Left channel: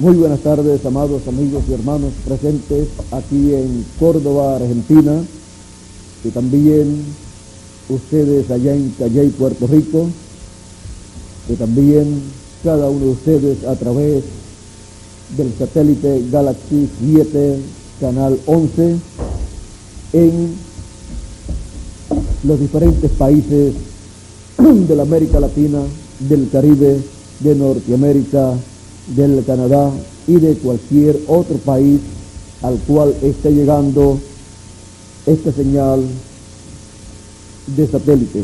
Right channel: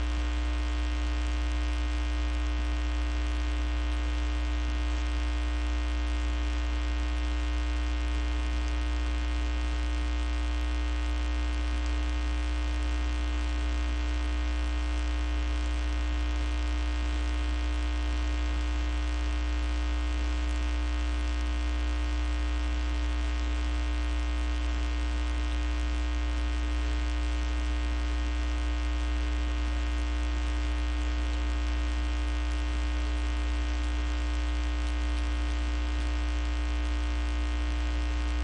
Muy buenas tardes, amados amigos y hermanos presentes aquí en Córdoba, Argentina, y también ustedes allá en Calley, Puerto Rico, y también cada uno de ustedes a través del satélite Galaxy 7, canal 11, en los diferentes países de la América Latina, del Caribe, de Norteamérica, del Canadá y de cualquier otro país al cual esté llegando esta señal de satélite.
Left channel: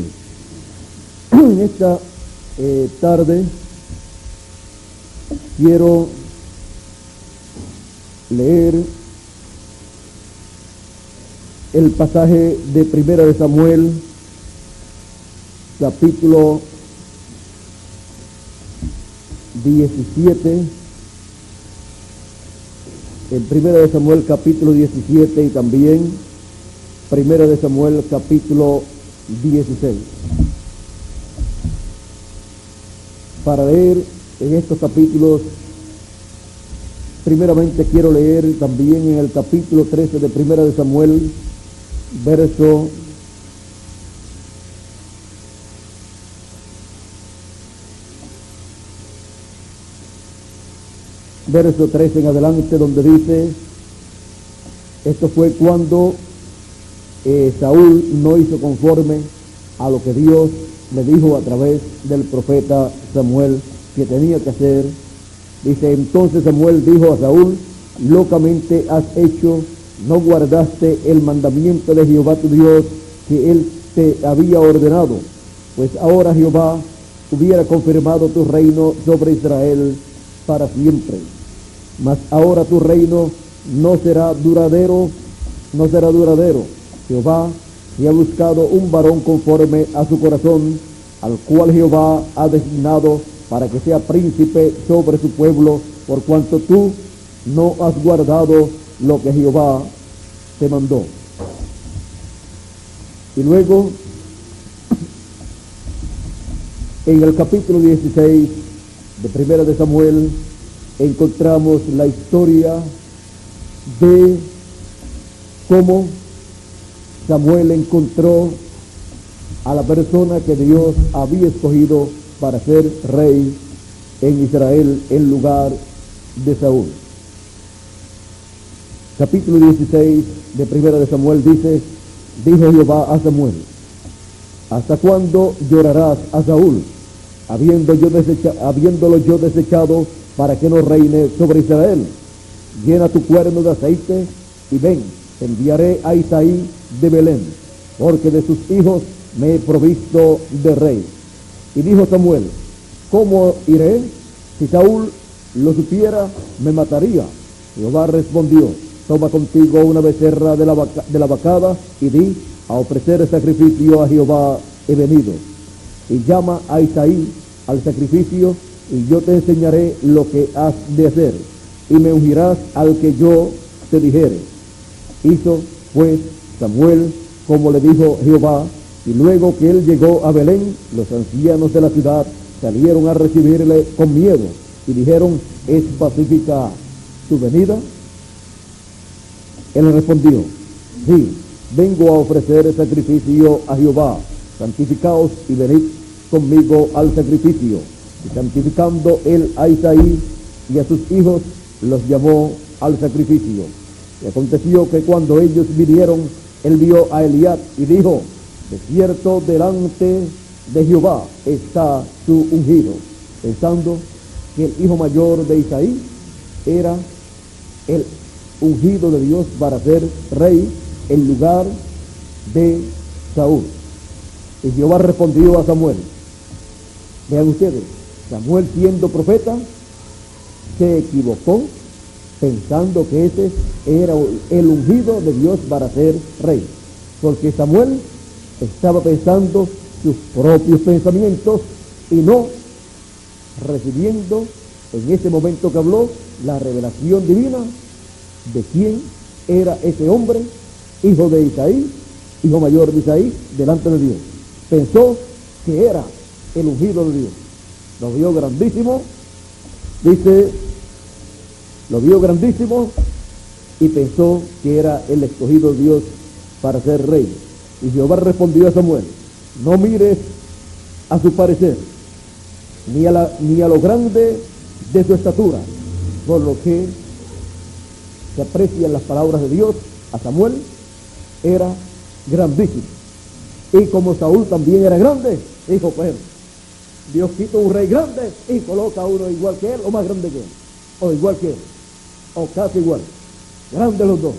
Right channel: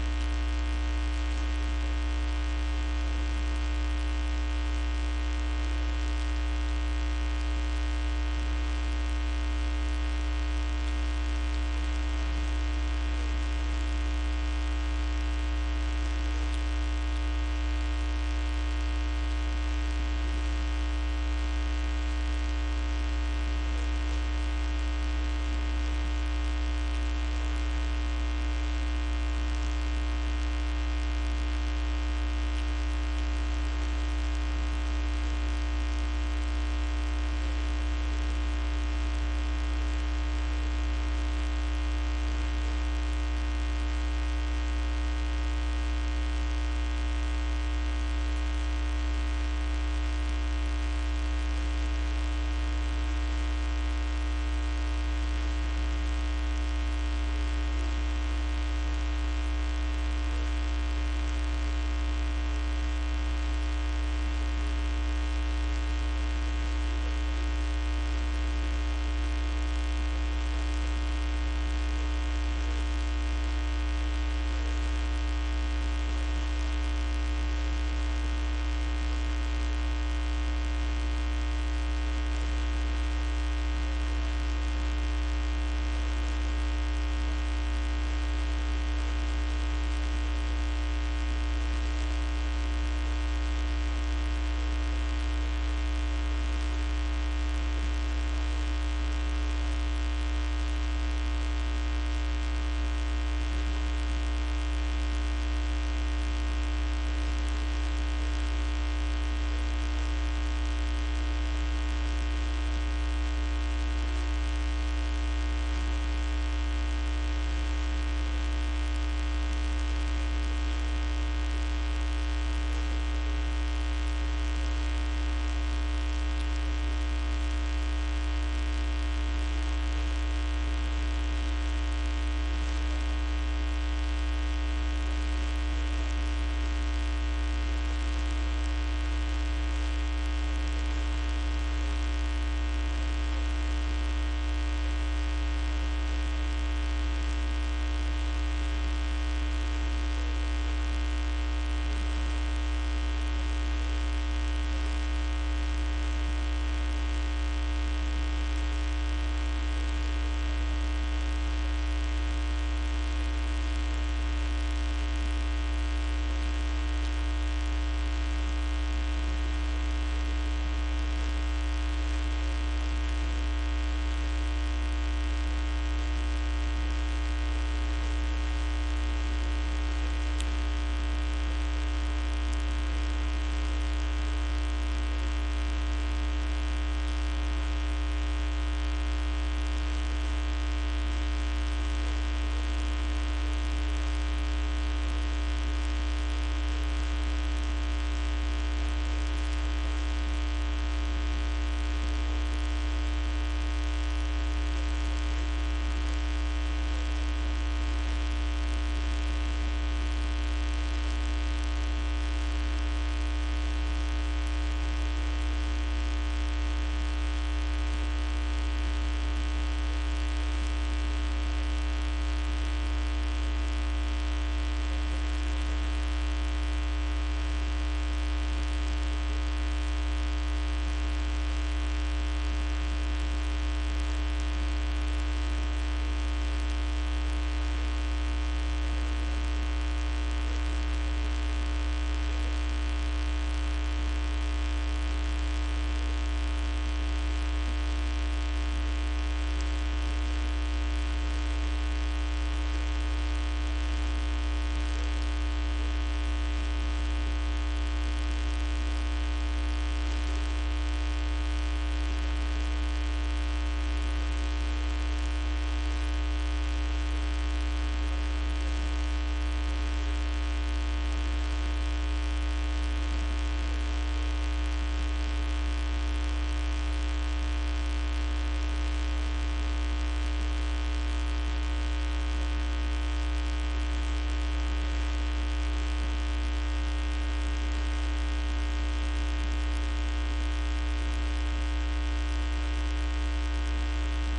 En esta tarde quiero leer el pasaje de Primera de Samuel, capítulo 17, en Primera de Samuel capítulo 17 y también Primera de Samuel capítulo 16. Para leer en estos capítulos, primeramente quiero leer también en el capítulo 13 de Primera de Samuel, verso 13 en adelante, donde dice: esto fue cuando Saúl no hizo conforme a lo que Dios le dijo a través del profeta Samuel que tenía que hacer. Dice: entonces Samuel dijo a Saúl: locamente has hecho, no guardaste el mandamiento de Jehová tu Dios que él te había ordenado, pues ahora Jehová hubiera confirmado tu reino sobre Israel para siempre. Mas ahora tu reino no será duradero. Jehová se ha buscado un varón conforme a su corazón, al cual Jehová ha designado para que sea príncipe sobre su pueblo, por cuanto tú no has guardado lo que Jehová te mandó. Y luego, en el capítulo 16 de Primera de Samuel, encontramos la historia de cómo Samuel encontró a la persona que Dios había escogido para ser rey en Israel en lugar de Saúl. Capítulo 16 de Primera de Samuel dice: dijo Jehová a Samuel: ¿hasta cuándo llorarás a Saúl, habiéndolo yo desechado para que no reine sobre Israel? Llena tu cuerno de aceite y ven, enviaré a Isaí de Belén, porque de sus hijos me he provisto de rey. Y dijo Samuel: ¿cómo iré? Si Saúl lo supiera, me mataría. Jehová respondió: toma contigo una becerra de la vacada y di: a ofrecer sacrificio a Jehová he venido. Y llama a Isaí al sacrificio, y yo te enseñaré lo que has de hacer, y me ungirás al que yo te dijere. Hizo pues Samuel como le dijo Jehová, y luego que él llegó a Belén, los ancianos de la ciudad salieron a recibirle con miedo, y dijeron: ¿es pacífica tu venida? Él respondió: sí, vengo a ofrecer sacrificio a Jehová. Santificaos y venid conmigo al sacrificio. Y santificando él a Isaí y a sus hijos, los llamó al sacrificio. Y aconteció que cuando ellos vinieron, él vio a Eliab y dijo: de cierto delante de Jehová está su ungido, pensando que el hijo mayor de Isaí era el ungido de Dios para ser rey en lugar de Saúl. Y Jehová respondió a Samuel. Vean ustedes, Samuel, siendo profeta, se equivocó pensando que ese era el ungido de Dios para ser rey, porque Samuel estaba pensando sus propios pensamientos y no recibiendo en ese momento que habló la revelación divina de quién era ese hombre, hijo de Isaí, hijo mayor de Isaí, delante de Dios. Pensó que era el ungido de Dios. Lo vio grandísimo. Dice lo vio grandísimo y pensó que era el escogido de Dios para ser rey. Y Jehová respondió a Samuel: no mires a su parecer, ni a lo grande de su estatura, por lo que se aprecian las palabras de Dios. A Samuel era grandísimo, y como Saúl también era grande, dijo: pues Dios quita un rey grande y coloca a uno igual que él, o más grande que él, o igual que él, o casi igual, grandes los dos.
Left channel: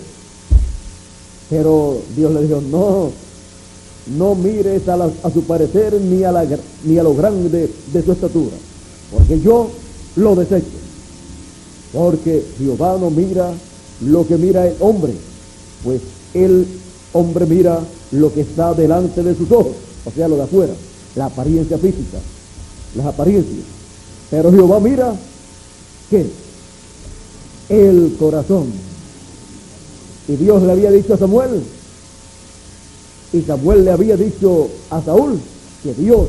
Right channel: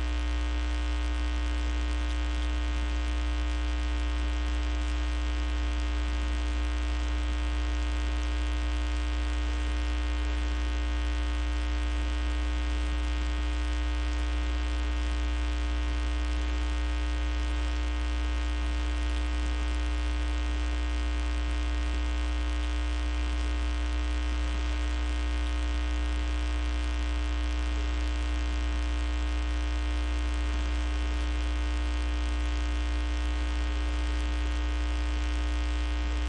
Pero Dios le dijo: no mires a su parecer ni a lo grande de su estatura, porque yo lo desecho. Porque Jehová no mira lo que mira el hombre, pues el hombre mira lo que está delante de sus ojos, o sea, lo de afuera, la apariencia física, las apariencias. Pero Jehová mira, ¿qué? El corazón. Y Dios le había dicho a Samuel, y Samuel le había dicho a Saúl, que Dios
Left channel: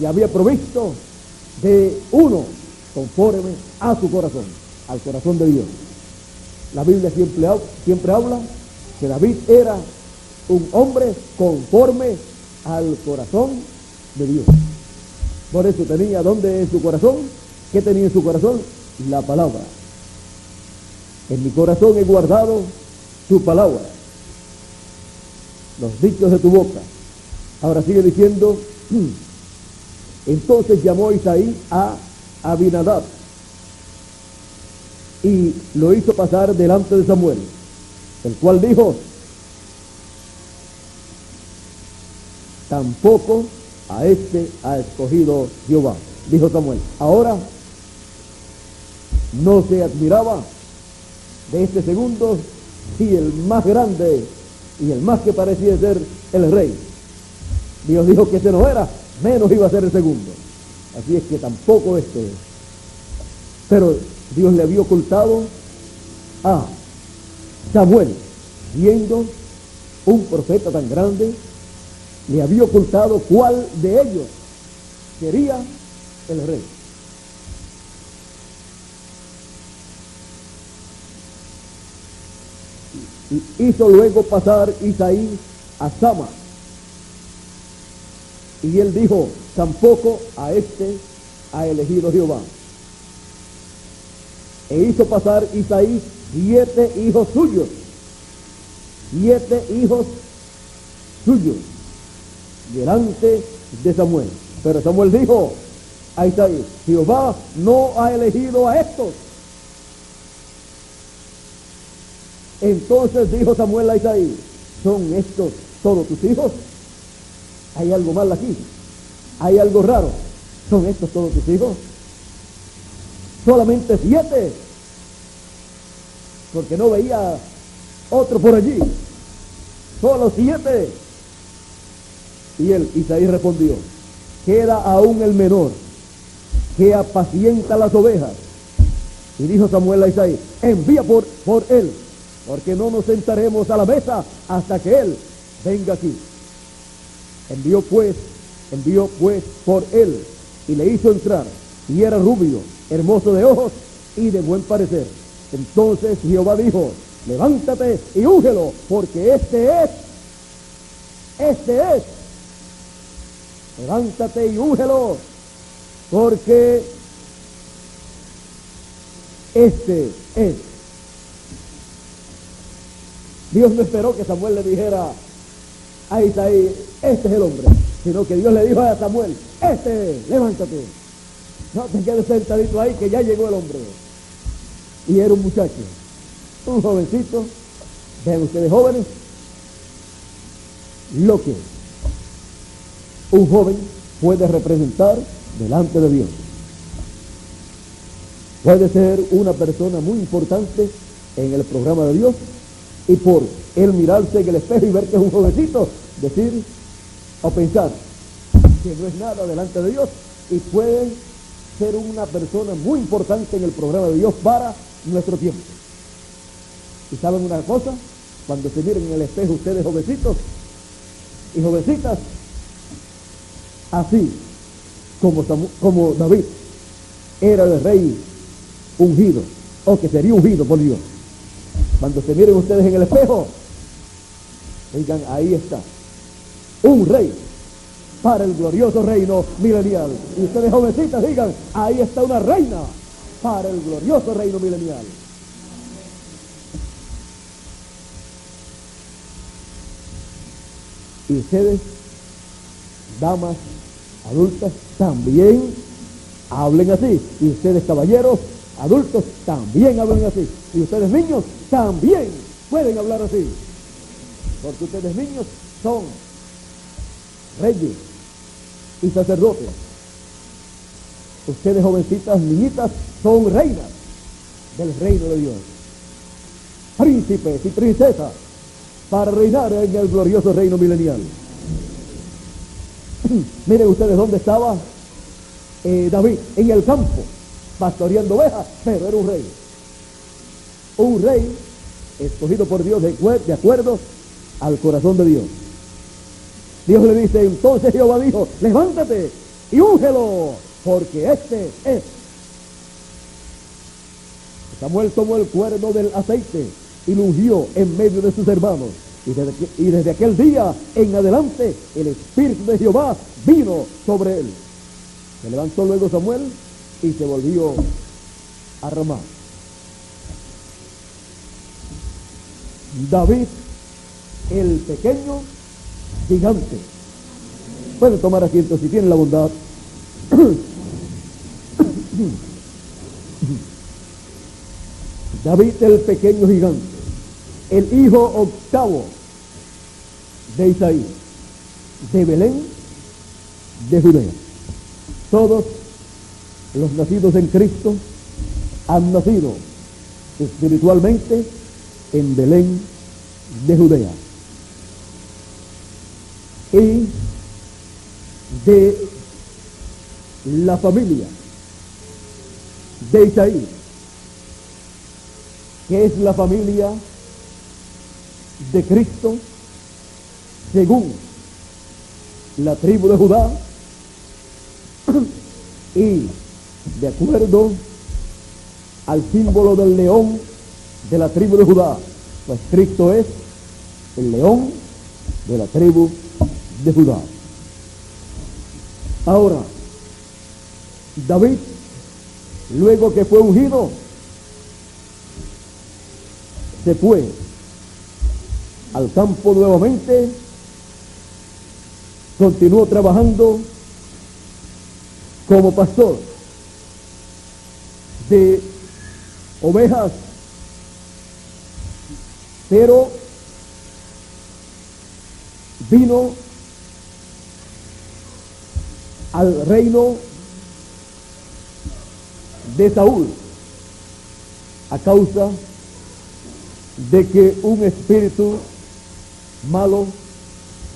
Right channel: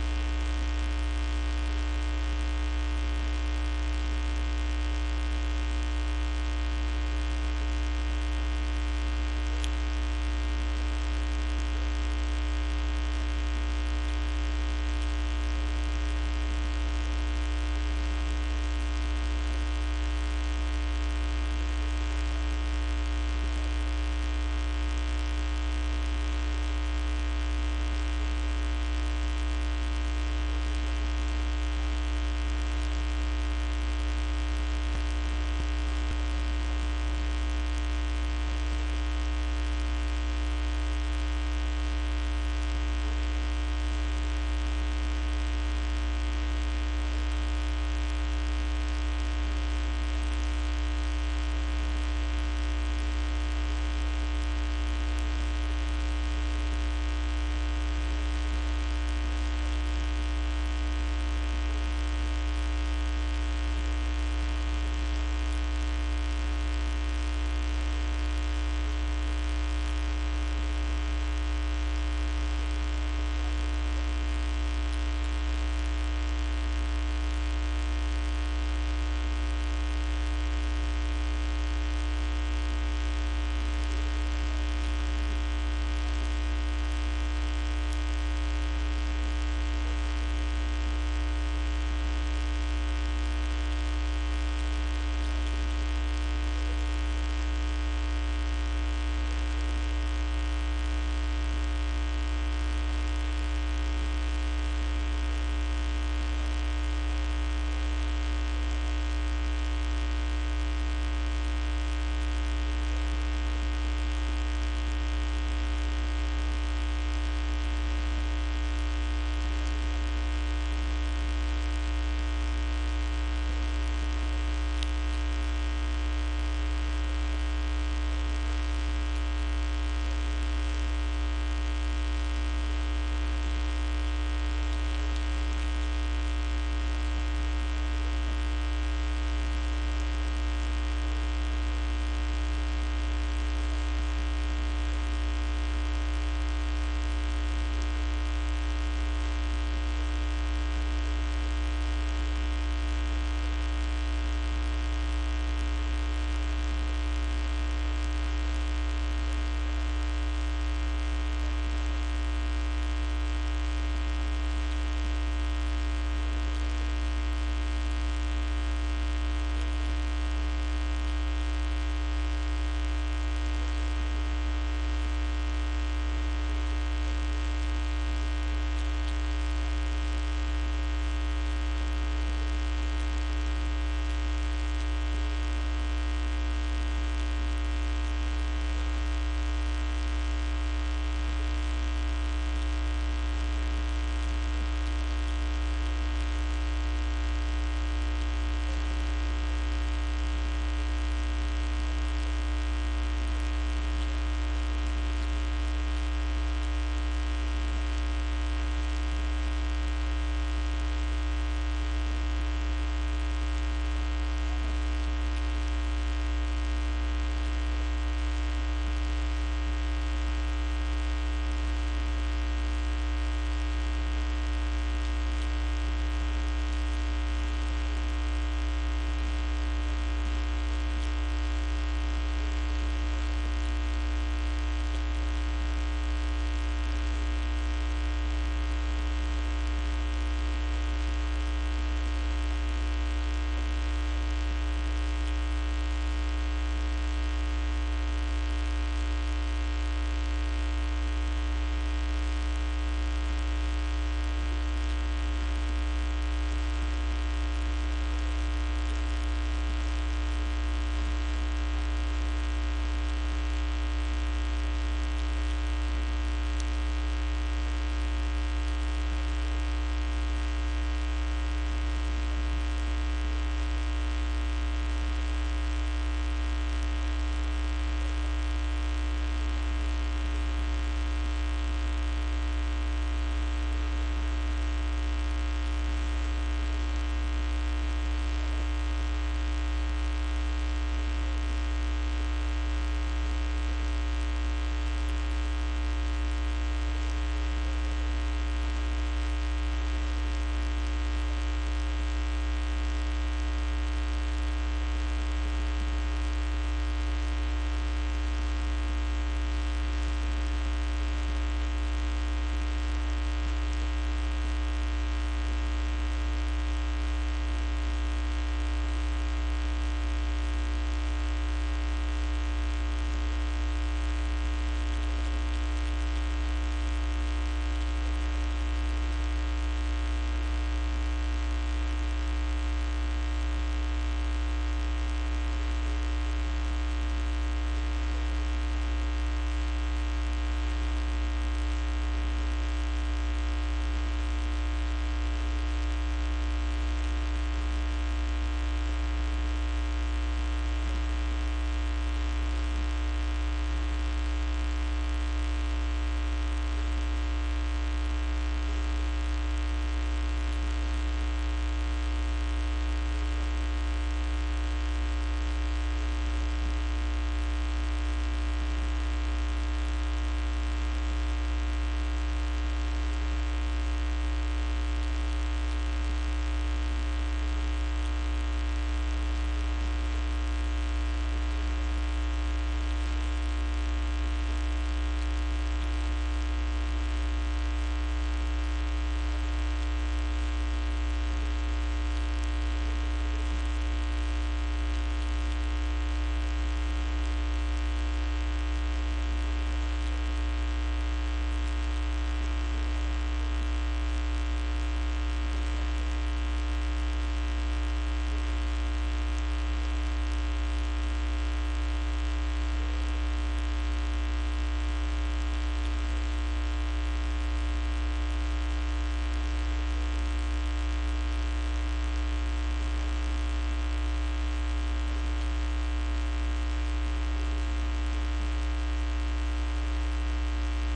le había provisto de uno conforme a su corazón, al corazón de Dios. La Biblia siempre habla que David era un hombre conforme al corazón de Dios. Por eso tenía, ¿dónde en su corazón? ¿Qué tenía en su corazón? La palabra. En mi corazón he guardado tu palabra, los dichos de tu boca. Ahora sigue diciendo: entonces llamó Isaí a Abinadab y lo hizo pasar delante de Samuel, el cual dijo: tampoco a este ha escogido Jehová. Dijo Samuel. Ahora no se admiraba de este segundo, si el más grande y el más que parecía ser el rey. Dios dijo que ese no era, menos iba a ser el segundo. Así es que tampoco este. Pero Dios le había ocultado a Samuel, viendo un profeta tan grande, le había ocultado cuál de ellos sería el rey. Y hizo luego pasar Isaí a Sama, y él dijo: tampoco a este ha elegido Jehová. E hizo pasar Isaí 7 hijos suyos, 7 hijos suyos, delante de Samuel. Pero Samuel dijo a Isaí: Jehová no ha elegido a estos. Entonces dijo Samuel a Isaí: ¿son estos todos tus hijos? Hay algo mal aquí, hay algo raro. ¿Son estos todos tus hijos? Solamente 7, porque no veía otro por allí. Solo 7. Y él, Isaí, respondió: queda aún el menor, que apacienta las ovejas. Y dijo Samuel a Isaí: envía por él, porque no nos sentaremos a la mesa hasta que él venga aquí. Envió pues por él, y le hizo entrar, y era rubio, hermoso de ojos y de buen parecer. Entonces Jehová dijo: levántate y úngelo, porque este es. Levántate y úngelo, porque este es. Dios no esperó que Samuel le dijera a Isaí: este es el hombre, sino que Dios le dijo a Samuel: este es, levántate. No te quedes sentadito ahí, que ya llegó el hombre. Y era un muchacho, un jovencito. Vean ustedes, jóvenes, lo que un joven puede representar delante de Dios. Puede ser una persona muy importante en el programa de Dios, y por él mirarse en el espejo y ver que es un jovencito, decir o pensar que no es nada delante de Dios, y puede ser una persona muy importante en el programa de Dios para nuestro tiempo. ¿Y saben una cosa? Cuando se miren en el espejo ustedes, jovencitos y jovencitas, así como David era el rey ungido, o que sería ungido por Dios. Cuando se miren ustedes en el espejo, digan, ahí está, un rey para el glorioso reino milenial. Y ustedes, jovencitas, digan, ahí está una reina para el glorioso reino milenial. Y ustedes, damas adultas, también hablen así. Y ustedes, caballeros adultos, también hablen así. Y ustedes, niños, también pueden hablar así. Porque ustedes, niños, son reyes y sacerdotes. Ustedes, jovencitas, niñitas, son reinas del reino de Dios. Príncipes y princesas para reinar en el glorioso reino milenial. Miren ustedes dónde estaba David, en el campo, pastoreando ovejas, pero era un rey. Un rey escogido por Dios de acuerdo al corazón de Dios. Dios le dice, entonces Jehová dijo, levántate y úngelo, porque este es. Samuel tomó el cuerno del aceite y lo ungió en medio de sus hermanos. Y desde aquel día en adelante el Espíritu de Jehová vino sobre él. Se levantó luego Samuel y se volvió a Ramá. David, el pequeño gigante. Pueden tomar asiento si tienen la bondad. David, el pequeño gigante, el hijo octavo de Isaí, de Belén, de Judea. Todos los nacidos en Cristo han nacido espiritualmente en Belén de Judea. Y de la familia de Isaí, que es la familia de Cristo, según la tribu de Judá, y de acuerdo al símbolo del león de la tribu de Judá, pues Cristo es el león de la tribu de Judá. Ahora, David, luego que fue ungido, se fue al campo nuevamente, continuó trabajando como pastor de ovejas, pero vino al reino de Saúl a causa de que un espíritu malo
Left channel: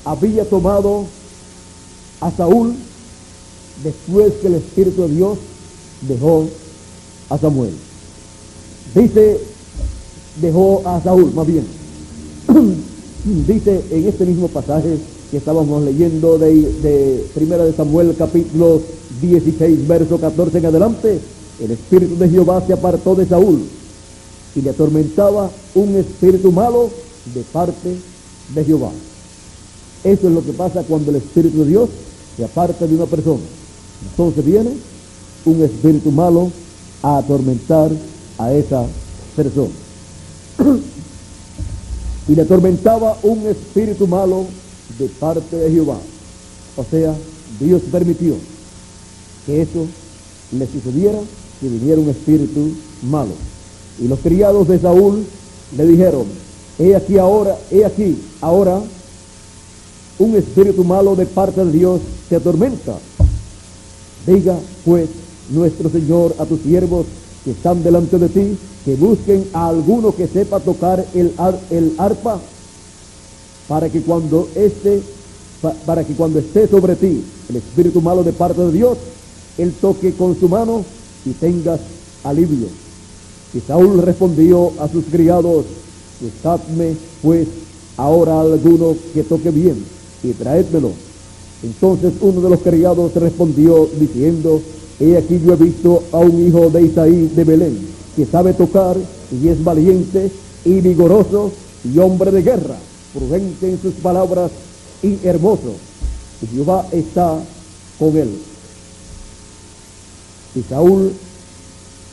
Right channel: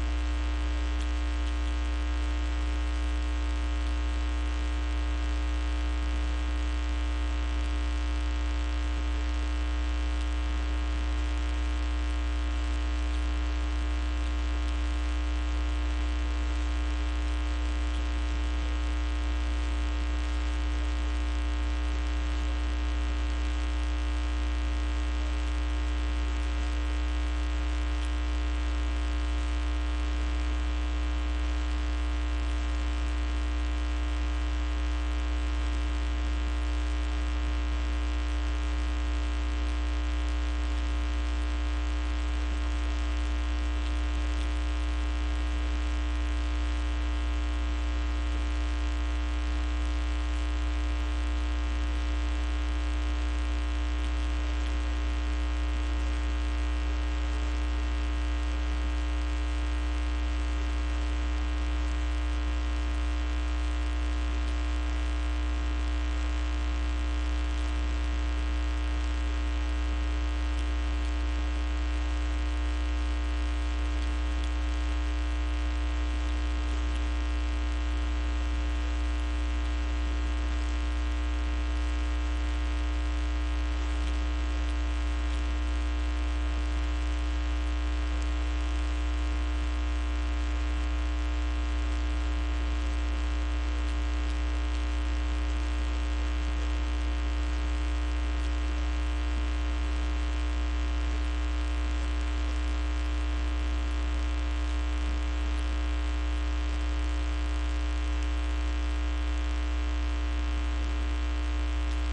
había tomado a Saúl después que el Espíritu de Dios dejó a Samuel. Dice, dejó a Saúl, más bien. Dice en este mismo pasaje que estábamos leyendo de Primera de Samuel, capítulo 16, verso 14 en adelante, el Espíritu de Jehová se apartó de Saúl y le atormentaba un espíritu malo de parte de Jehová. Eso es lo que pasa cuando el Espíritu de Dios se aparta de una persona. Entonces viene un espíritu malo a atormentar a esa persona. Y le atormentaba un espíritu malo de parte de Jehová. O sea, Dios permitió que eso le sucediera, que viniera un espíritu malo. Y los criados de Saúl le dijeron, he aquí ahora un espíritu malo de parte de Dios te atormenta. Diga pues nuestro Señor a tus siervos que están delante de ti, que busquen a alguno que sepa tocar el arpa, para que cuando esté sobre ti el espíritu malo de parte de Dios, él toque con su mano y tengas alivio. Y Saúl respondió a sus criados, buscadme pues ahora alguno que toque bien y traédmelo. Entonces uno de los criados respondió diciendo, he aquí yo he visto a un hijo de Isaí de Belén, que sabe tocar y es valiente y vigoroso y hombre de guerra, prudente en sus palabras y hermoso. Y Jehová está con él. Y Saúl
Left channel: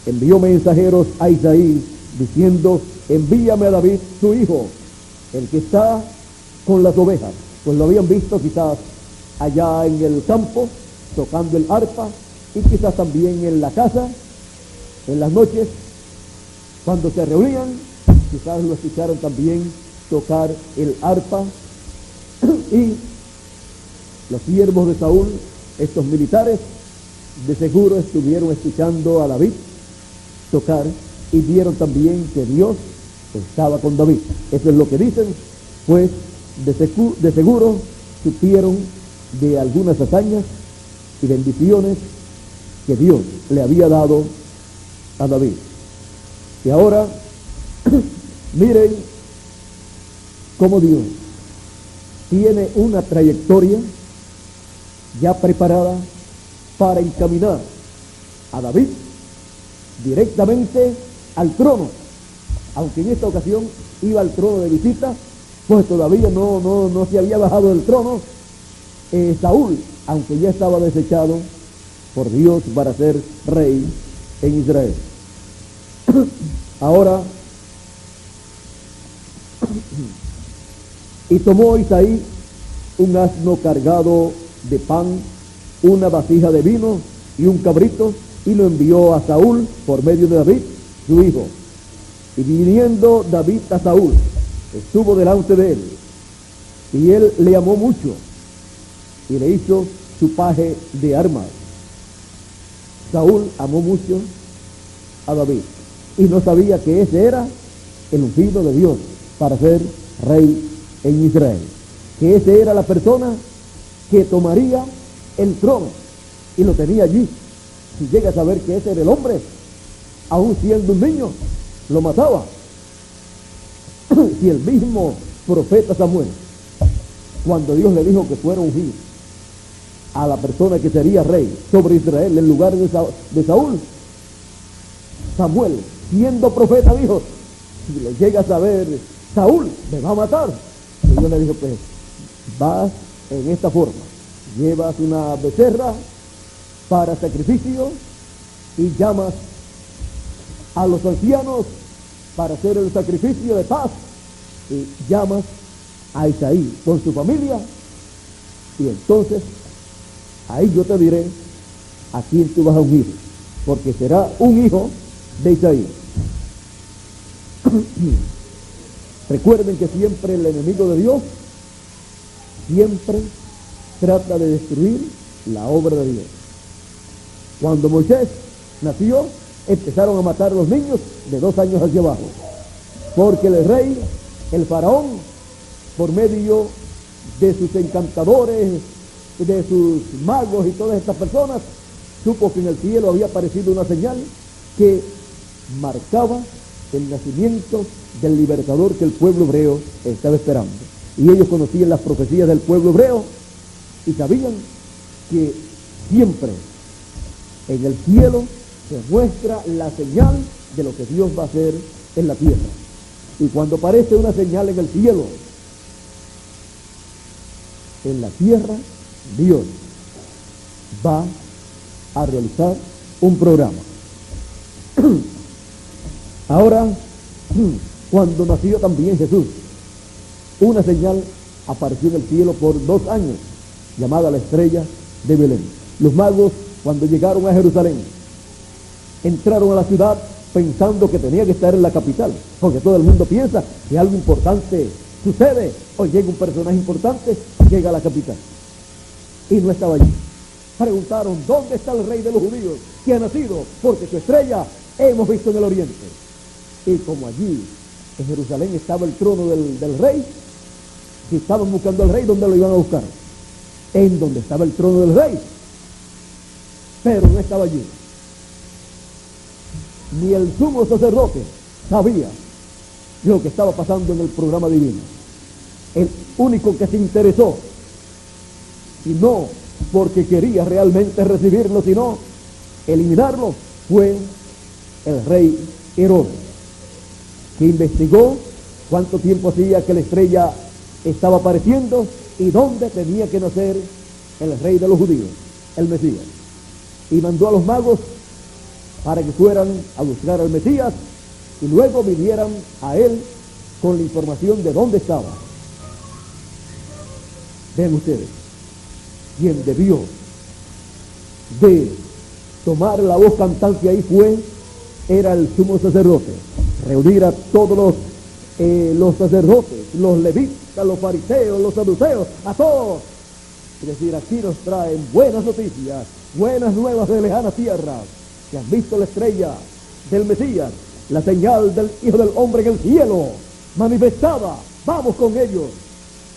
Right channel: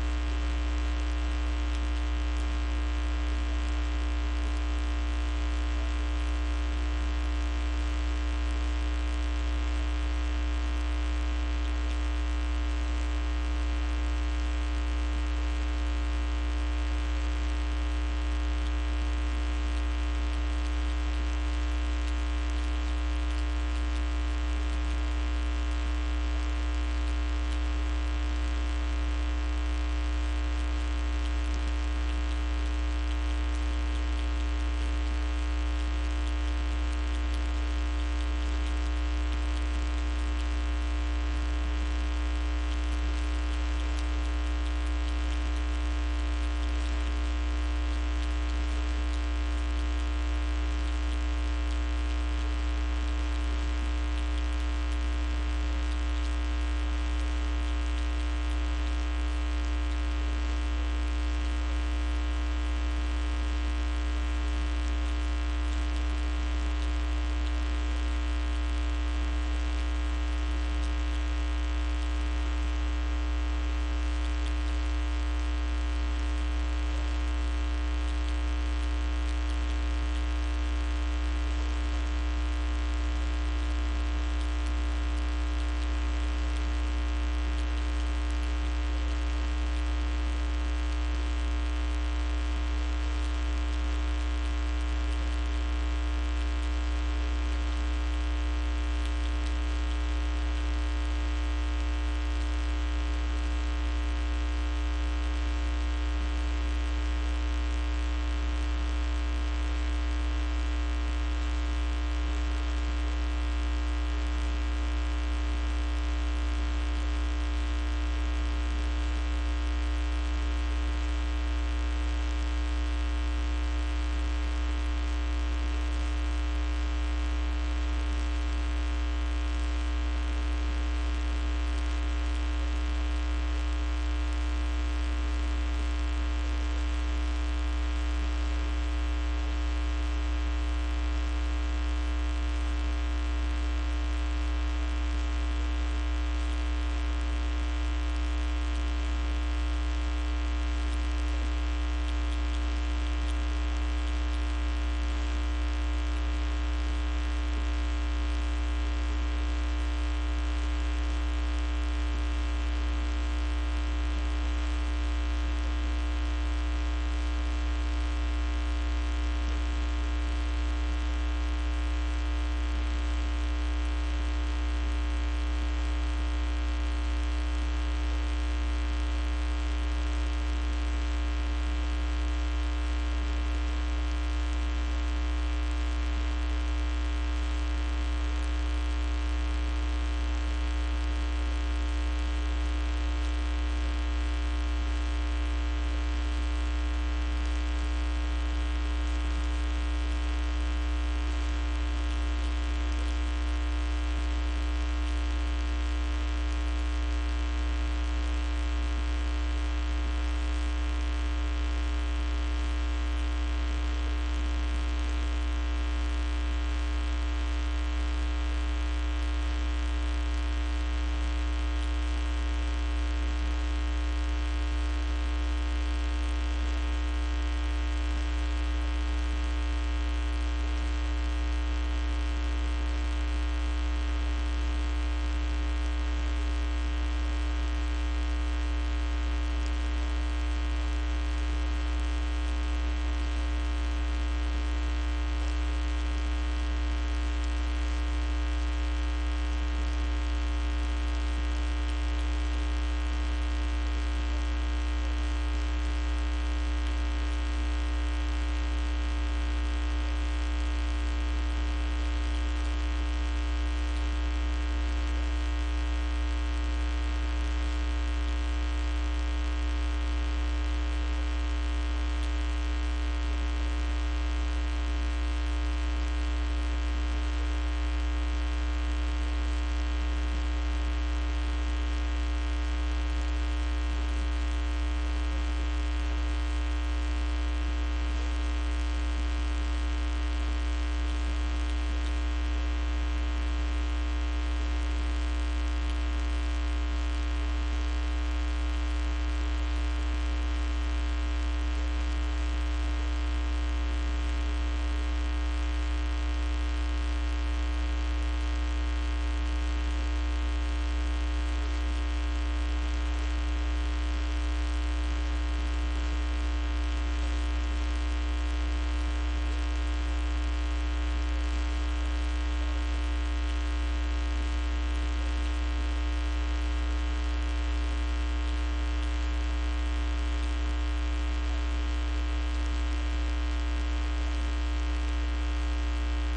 envió mensajeros a Isaí diciendo: envíame a David su hijo, el que está con las ovejas. Pues lo habían visto quizás allá en el campo tocando el arpa, y quizás también en la casa en las noches cuando se reunían, quizás lo escucharon también tocar el arpa. Y los siervos de Saúl, estos militares, de seguro estuvieron escuchando a David tocar y vieron también que Dios estaba con David. Eso es lo que dicen, pues de seguro supieron de algunas hazañas y bendiciones que Dios le había dado a David. Y ahora miren cómo Dios tiene una trayectoria ya preparada para encaminar a David directamente al trono. Aunque en esta ocasión iba al trono de visita, pues todavía no se había bajado del trono Saúl, aunque ya estaba desechado por Dios para ser rey en Israel. Ahora, y tomó Isaí un asno cargado de pan, una vasija de vino y un cabrito, y lo envió a Saúl por medio de David, su hijo. Y viniendo David a Saúl, estuvo delante de él, y él le amó mucho, y le hizo su paje de armas. Saúl amó mucho a David, y no sabía que ese era el ungido de Dios para ser rey en Israel, que ese era la persona que tomaría el trono, y lo tenía allí. Si llega a saber que ese era el hombre, aún siendo un niño, lo mataba. Si el mismo profeta Samuel, cuando Dios le dijo que fuera ungido a la persona que sería rey sobre Israel en lugar de Saúl, Samuel, siendo profeta, dijo: si le llega a saber Saúl, me va a matar. Y Dios le dijo: que vas en esta forma, llevas una becerra para sacrificio y llamas a los ancianos para hacer el sacrificio de paz, y llamas a Isaí con su familia, y entonces ahí yo te diré a quién tú vas a ungir, porque será un hijo de Isaí. Recuerden que siempre el enemigo de Dios siempre trata de destruir la obra de Dios. Cuando Moisés nació, empezaron a matar a los niños de 2 años hacia abajo, porque el rey, el faraón, por medio de sus encantadores, de sus magos y todas estas personas, supo que en el cielo había aparecido una señal que marcaba el nacimiento del libertador que el pueblo hebreo estaba esperando. Y ellos conocían las profecías del pueblo hebreo y sabían que siempre en el cielo se muestra la señal de lo que Dios va a hacer en la tierra. Y cuando aparece una señal en el cielo, en la tierra, Dios va a realizar un programa. Ahora, cuando nació también Jesús, una señal apareció en el cielo por 2 años, llamada la estrella de Belén. Los magos, cuando llegaron a Jerusalén, entraron a la ciudad pensando que tenía que estar en la capital, porque todo el mundo piensa que algo importante sucede o llega un personaje importante, llega a la capital, y no estaba allí. Preguntaron: ¿dónde está el rey de los judíos que ha nacido? Porque su estrella hemos visto en el oriente. Y como allí en Jerusalén estaba el trono del rey, si estaban buscando al rey, ¿dónde lo iban a buscar? En donde estaba el trono del rey, pero no estaba allí. Ni el sumo sacerdote sabía lo que estaba pasando en el programa divino. El único que se interesó, y no porque quería realmente recibirlo, sino eliminarlo, fue el rey Herodes, que investigó cuánto tiempo hacía que la estrella estaba apareciendo y dónde tenía que nacer el rey de los judíos, el Mesías. Y mandó a los magos para que fueran a buscar al Mesías y luego vinieran a él con la información de dónde estaba. Ven ustedes, quien debió de tomar la voz cantante ahí era el sumo sacerdote. Reunir a todos los sacerdotes, los levitas, los fariseos, los saduceos, a todos. Es decir, aquí nos traen buenas noticias, buenas nuevas de lejanas tierras, que han visto la estrella del Mesías, la señal del Hijo del Hombre en el cielo, manifestada. Vamos con ellos,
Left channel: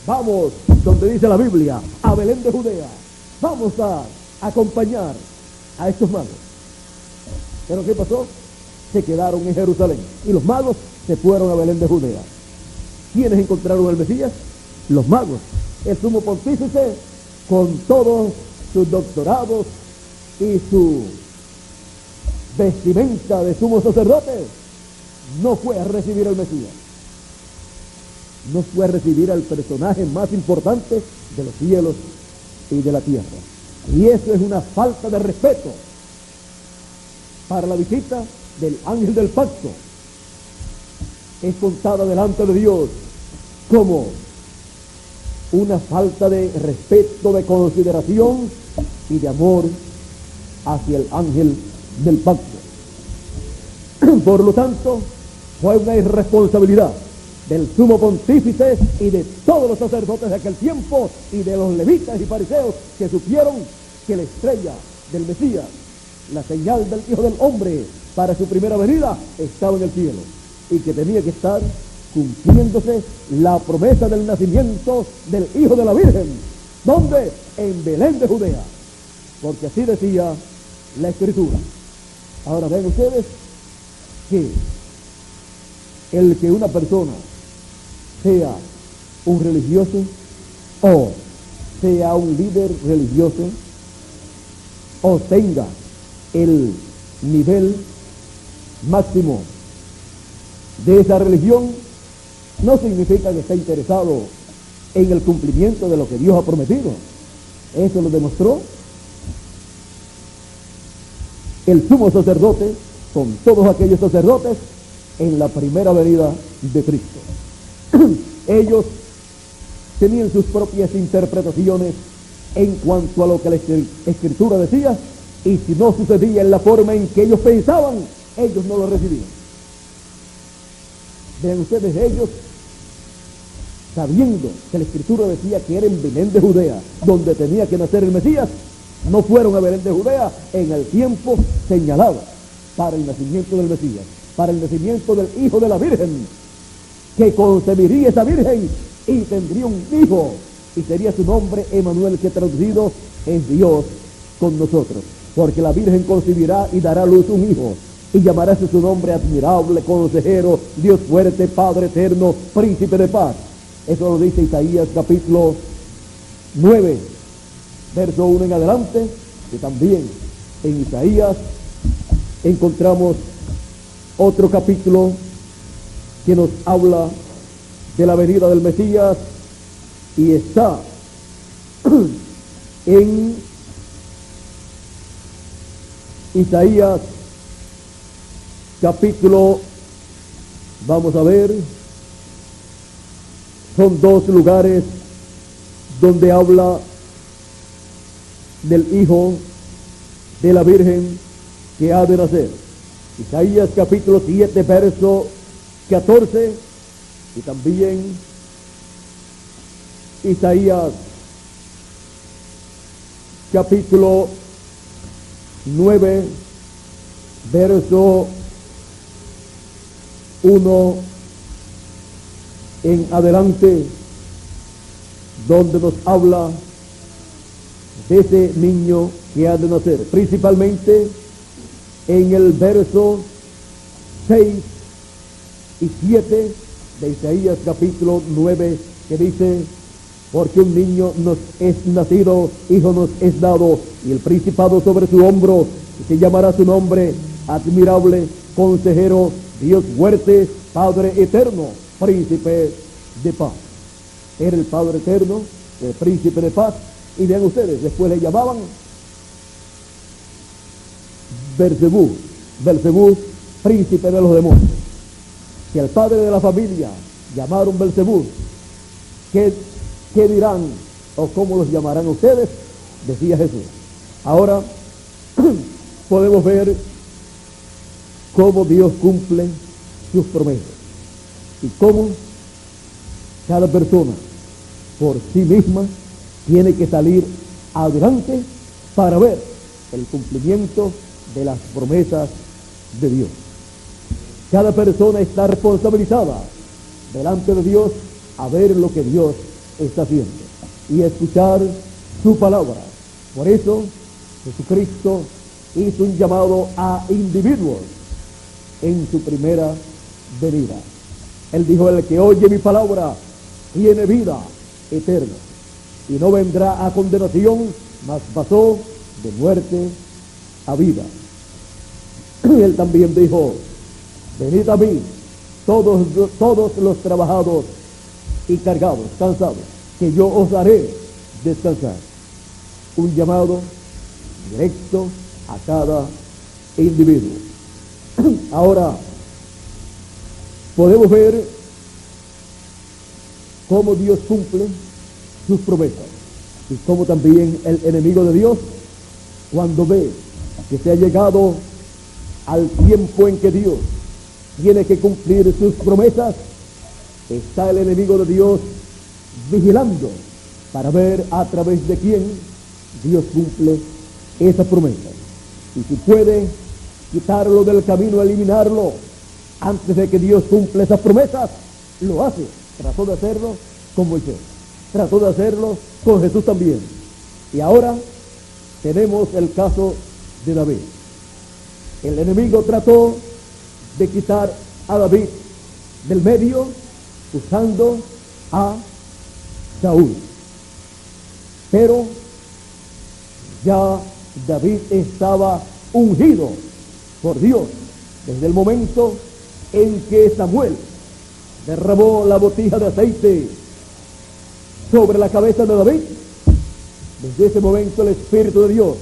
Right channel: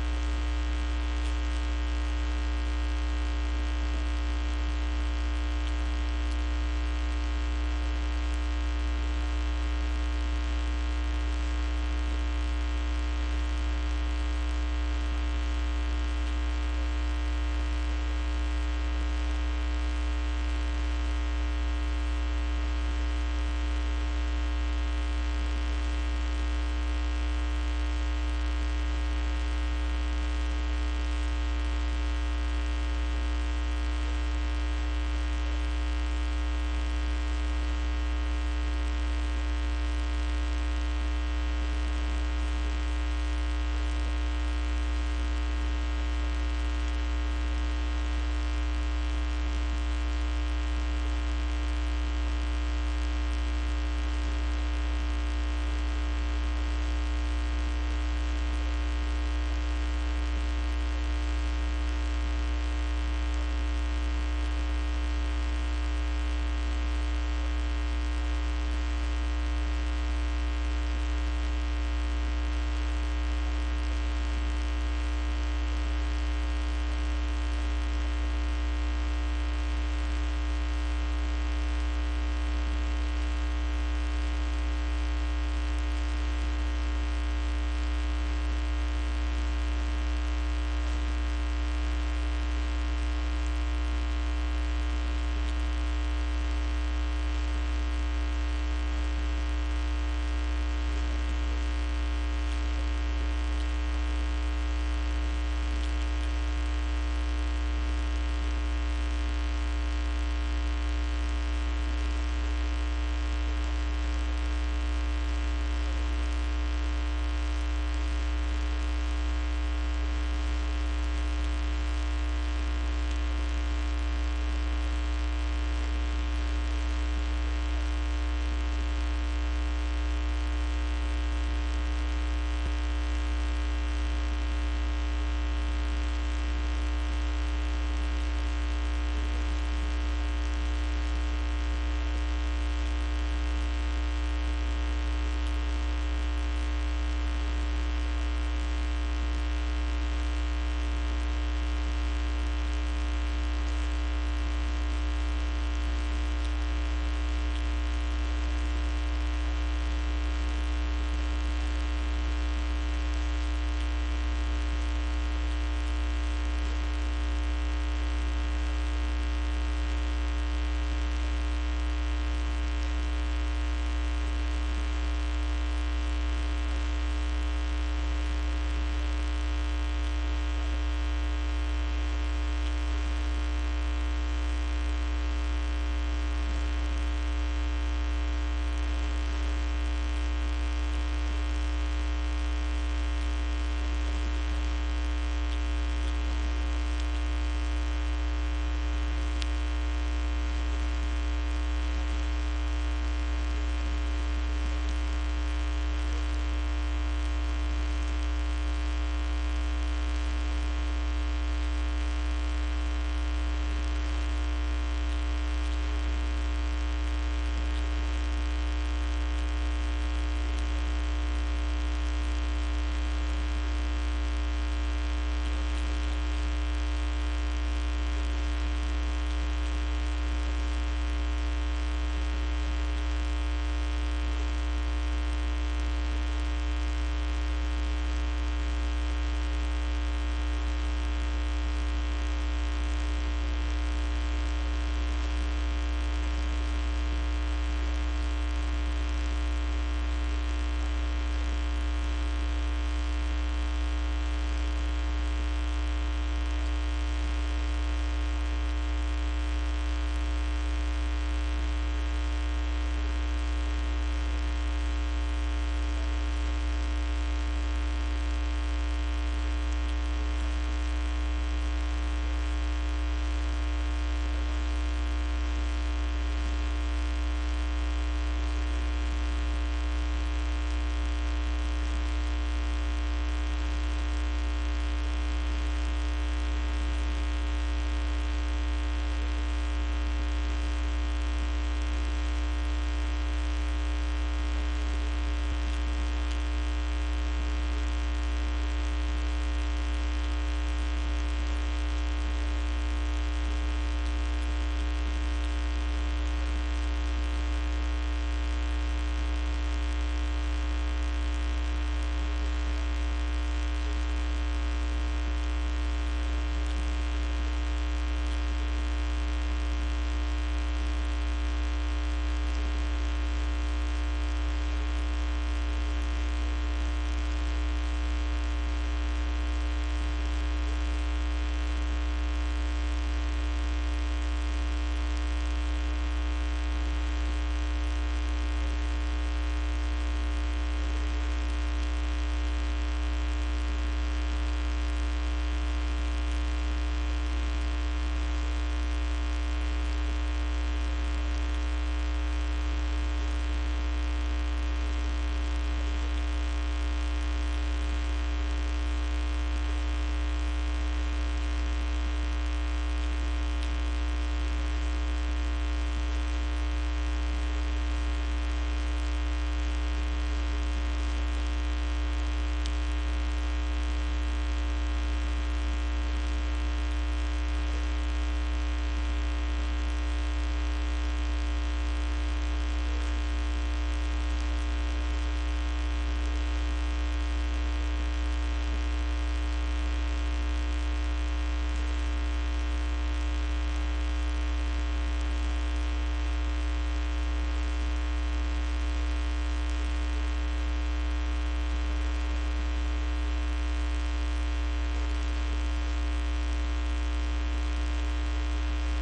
vamos, donde dice la Biblia, a Belén de Judea. Vamos a acompañar a estos magos. Pero ¿qué pasó? Se quedaron en Jerusalén y los magos se fueron a Belén de Judea. ¿Quiénes encontraron al Mesías? Los magos. El sumo pontífice, con todos sus doctorados y su vestimenta de sumo sacerdote, no fue a recibir al Mesías. No fue a recibir al personaje más importante de los cielos y de la tierra. Y eso es una falta de respeto para la visita del ángel del pacto. Es contada delante de Dios como una falta de respeto, de consideración y de amor hacia el ángel del pacto. Por lo tanto, fue una irresponsabilidad del sumo pontífice y de todos los sacerdotes de aquel tiempo y de los levitas y fariseos que supieron que la estrella del Mesías, la señal del Hijo del Hombre para su primera venida, estaba en el cielo y que tenía que estar cumpliéndose la promesa del nacimiento del Hijo de la Virgen. ¿Dónde? En Belén de Judea, porque así decía la Escritura. Ahora ven ustedes que el que una persona sea un religioso o sea un líder religioso o tenga el nivel máximo de esa religión, no significa que esté interesado en el cumplimiento de lo que Dios ha prometido. Eso lo demostró el sumo sacerdote con todos aquellos sacerdotes en la primera venida de Cristo. Ellos tenían sus propias interpretaciones en cuanto a lo que la Escritura decía, y si no sucedía en la forma en que ellos pensaban, ellos no lo recibían. Vean ustedes, ellos, sabiendo que la Escritura decía que era en Belén de Judea donde tenía que nacer el Mesías, no fueron a Belén de Judea en el tiempo señalado para el nacimiento del Mesías, para el nacimiento del Hijo de la Virgen, que concebiría esa Virgen y tendría un hijo, y sería su nombre Emanuel, que traducido es Dios con nosotros, porque la Virgen concebirá y dará a luz un hijo, y llamará su nombre Admirable, Consejero, Dios Fuerte, Padre Eterno, Príncipe de Paz. Eso lo dice Isaías capítulo 9, verso 1 en adelante, y también en Isaías encontramos otro capítulo que nos habla de la venida del Mesías, y está en Isaías capítulo, vamos a ver, son dos lugares donde habla del Hijo de la Virgen que ha de nacer. Isaías capítulo 7, verso 14, y también Isaías capítulo 9, verso 1 en adelante, donde nos habla de ese niño que ha de nacer, principalmente en el verso 6 y 7 de Isaías capítulo 9, que dice: porque un niño nos es nacido, hijo nos es dado, y el principado sobre su hombro, y se llamará su nombre Admirable, Consejero, Dios fuerte, Padre eterno, príncipe de paz. Era el Padre eterno, el príncipe de paz. Y vean ustedes, después le llamaban Belcebú, príncipe de los demonios. Si al padre de la familia llamaron Belcebú, ¿qué dirán o cómo los llamarán ustedes? Decía Jesús. Ahora podemos ver cómo Dios cumple sus promesas y cómo cada persona por sí misma tiene que salir adelante para ver el cumplimiento de las promesas de Dios. Cada persona está responsabilizada delante de Dios a ver lo que Dios está haciendo y escuchar su palabra. Por eso Jesucristo hizo un llamado a individuos en su primera venida. Él dijo: el que oye mi palabra tiene vida eterna y no vendrá a condenación, mas pasó de muerte a vida. Y él también dijo: venid a mí todos los trabajados y cargados, cansados, que yo os haré descansar. Un llamado directo a cada individuo. Ahora podemos ver cómo Dios cumple sus promesas y cómo también el enemigo de Dios, cuando ve que se ha llegado al tiempo en que Dios tiene que cumplir sus promesas, está el enemigo de Dios vigilando para ver a través de quién Dios cumple esa promesa. Y si puede quitarlo del camino, eliminarlo antes de que Dios cumpla esas promesas, lo hace. Trató de hacerlo con Moisés, trató de hacerlo con Jesús también. Y ahora tenemos el caso de David. El enemigo trató de quitar a David del medio usando a Saúl. Pero ya David estaba ungido por Dios desde el momento en que Samuel derramó la botija de aceite sobre la cabeza de David. Desde ese momento el Espíritu de Dios,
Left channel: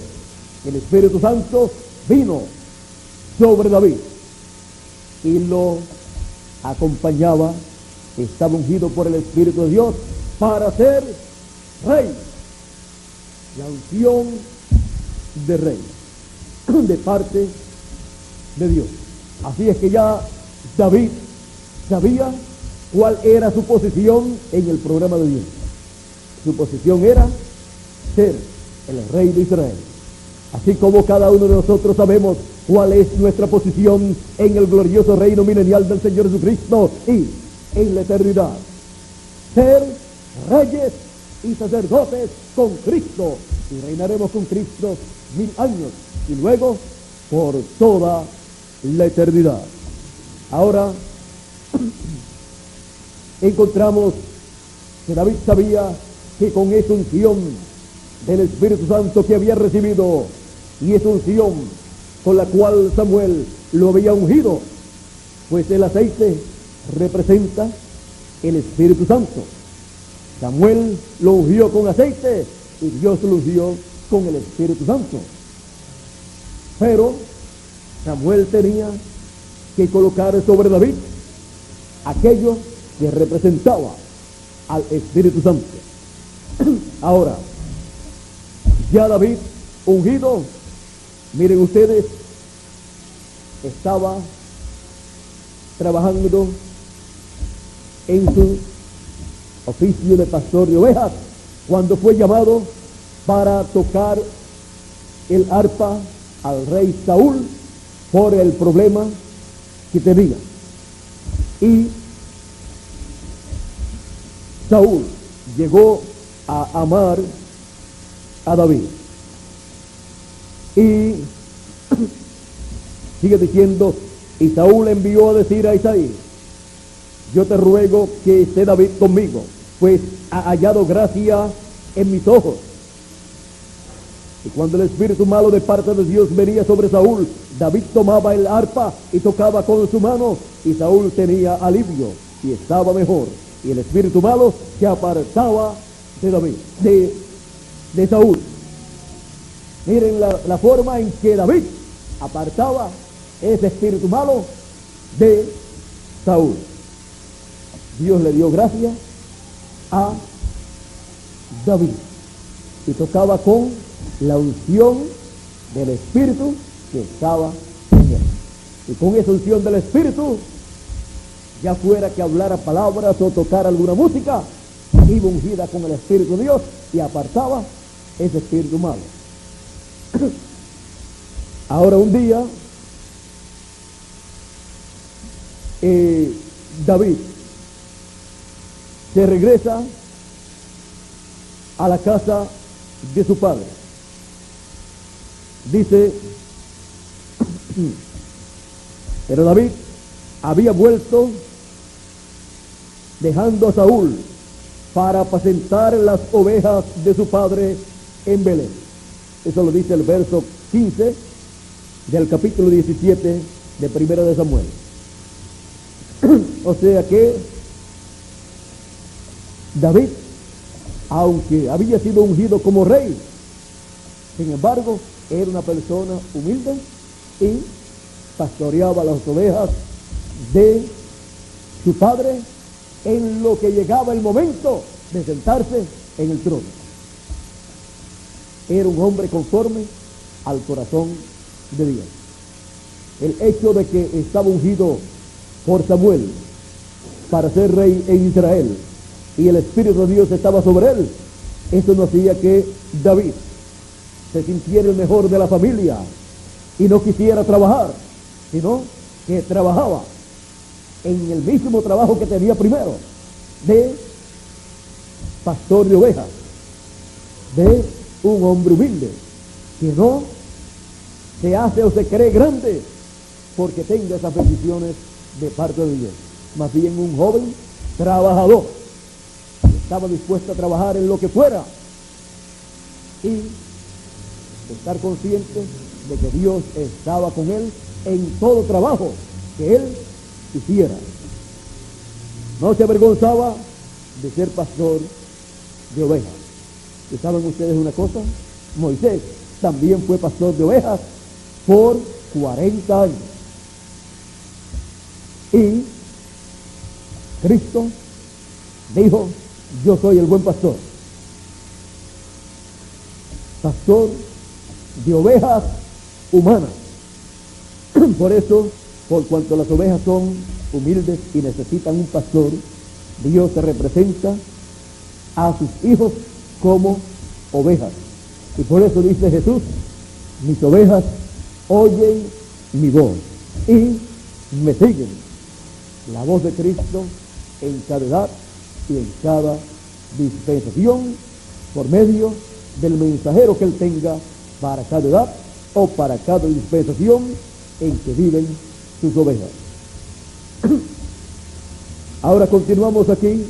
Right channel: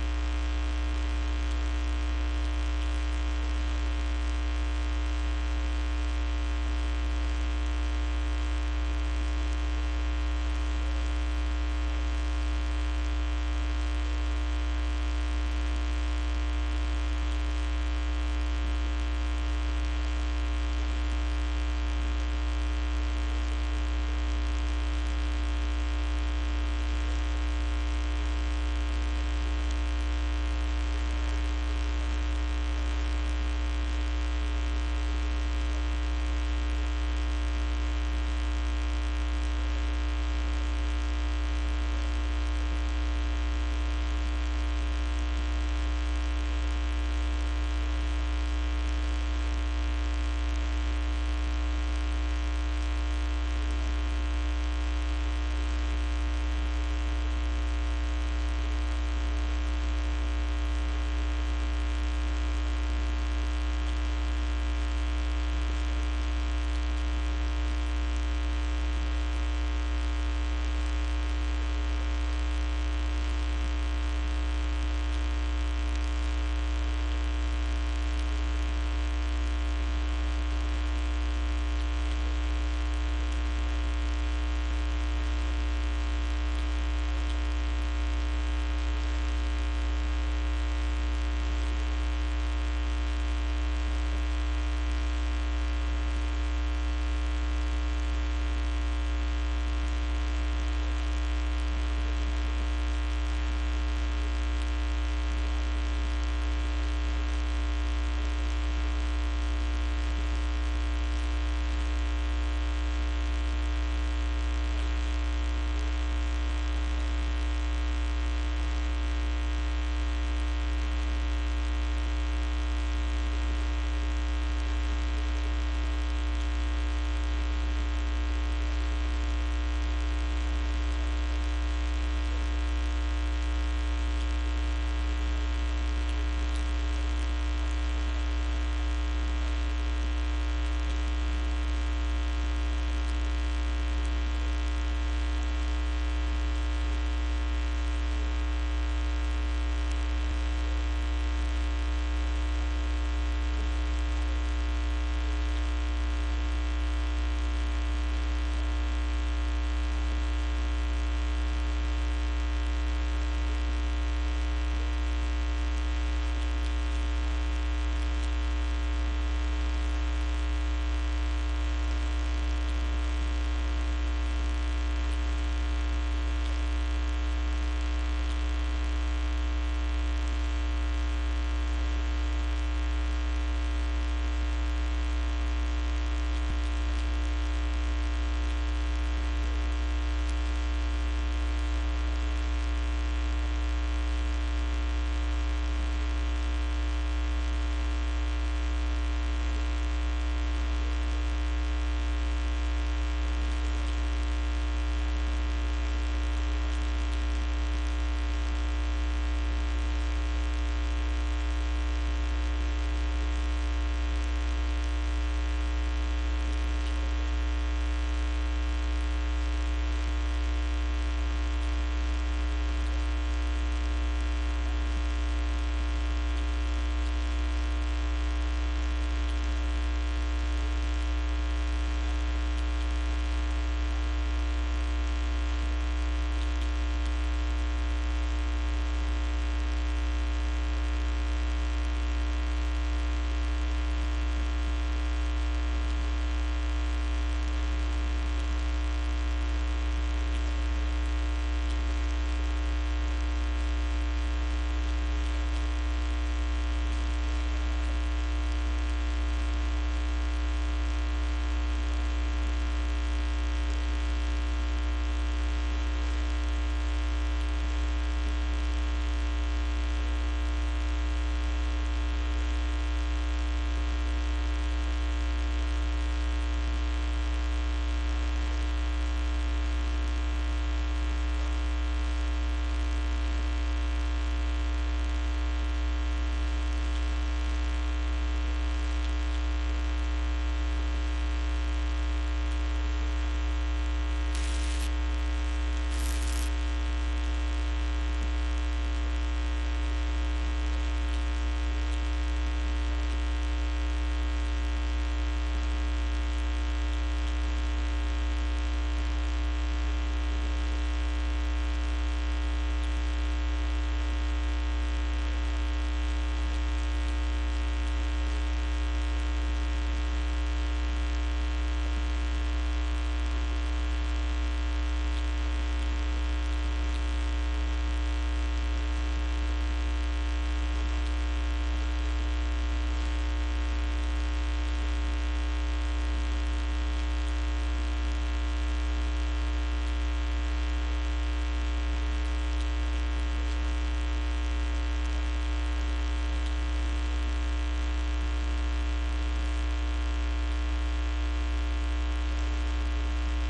el Espíritu Santo, vino sobre David y lo acompañaba. Estaba ungido por el Espíritu de Dios para ser rey. La unción de rey de parte de Dios. Así es que ya David sabía cuál era su posición en el programa de Dios. Su posición era ser el rey de Israel. Así como cada uno de nosotros sabemos cuál es nuestra posición en el glorioso reino milenial del Señor Jesucristo y en la eternidad. Ser reyes y sacerdotes con Cristo, y reinaremos con Cristo 1000 años y luego por toda la eternidad. Ahora encontramos que David sabía que con esa unción del Espíritu Santo que había recibido y esa unción con la cual Samuel lo había ungido, pues el aceite representa el Espíritu Santo. Samuel lo ungió con aceite y Dios lo ungió con el Espíritu Santo. Pero Samuel tenía que colocar sobre David aquello que representaba al Espíritu Santo. Ahora, ya David ungido, miren ustedes, estaba trabajando en su oficio de pastor de ovejas cuando fue llamado para tocar el arpa al rey Saúl por el problema que tenía. Y Saúl llegó a amar a David. Y sigue diciendo, y Saúl envió a decir a Isaí: yo te ruego que esté David conmigo, pues ha hallado gracia en mis ojos. Y cuando el espíritu malo de parte de Dios venía sobre Saúl, David tomaba el arpa y tocaba con su mano, y Saúl tenía alivio y estaba mejor. Y el espíritu malo se apartaba de David, de Saúl. Miren la forma en que David apartaba ese espíritu malo de Saúl. Dios le dio gracia a David y tocaba con la unción del Espíritu que estaba en él. Y con esa unción del Espíritu, ya fuera que hablara palabras o tocara alguna música, iba ungida con el Espíritu de Dios y apartaba ese espíritu malo. Ahora un día, David se regresa a la casa de su padre. Dice, pero David había vuelto dejando a Saúl para apacentar las ovejas de su padre en Belén. Eso lo dice el verso 15 del capítulo 17 de Primero de Samuel. O sea que David, aunque había sido ungido como rey, sin embargo, era una persona humilde y pastoreaba las ovejas de su padre en lo que llegaba el momento de sentarse en el trono. Era un hombre conforme al corazón de Dios. El hecho de que estaba ungido por Samuel para ser rey en Israel y el Espíritu de Dios estaba sobre él, eso no hacía que David se sintiera el mejor de la familia y no quisiera trabajar, sino que trabajaba en el mismo trabajo que tenía primero, de pastor de ovejas, de un hombre humilde, que no se hace o se cree grande porque tenga esas bendiciones de parte de Dios. Más bien un joven trabajador, que estaba dispuesto a trabajar en lo que fuera y estar consciente de que Dios estaba con él en todo trabajo que él hiciera. No se avergonzaba de ser pastor de ovejas. ¿Y saben ustedes una cosa? Moisés también fue pastor de ovejas por 40 años. Y Cristo dijo, yo soy el buen pastor. Pastor de ovejas humanas. Por eso, por cuanto las ovejas son humildes y necesitan un pastor, Dios se representa a sus hijos como ovejas. Y por eso dice Jesús, mis ovejas oyen mi voz y me siguen. La voz de Cristo en cada edad y en cada dispensación por medio del mensajero que él tenga para cada edad o para cada dispensación en que viven sus ovejas. Ahora continuamos aquí.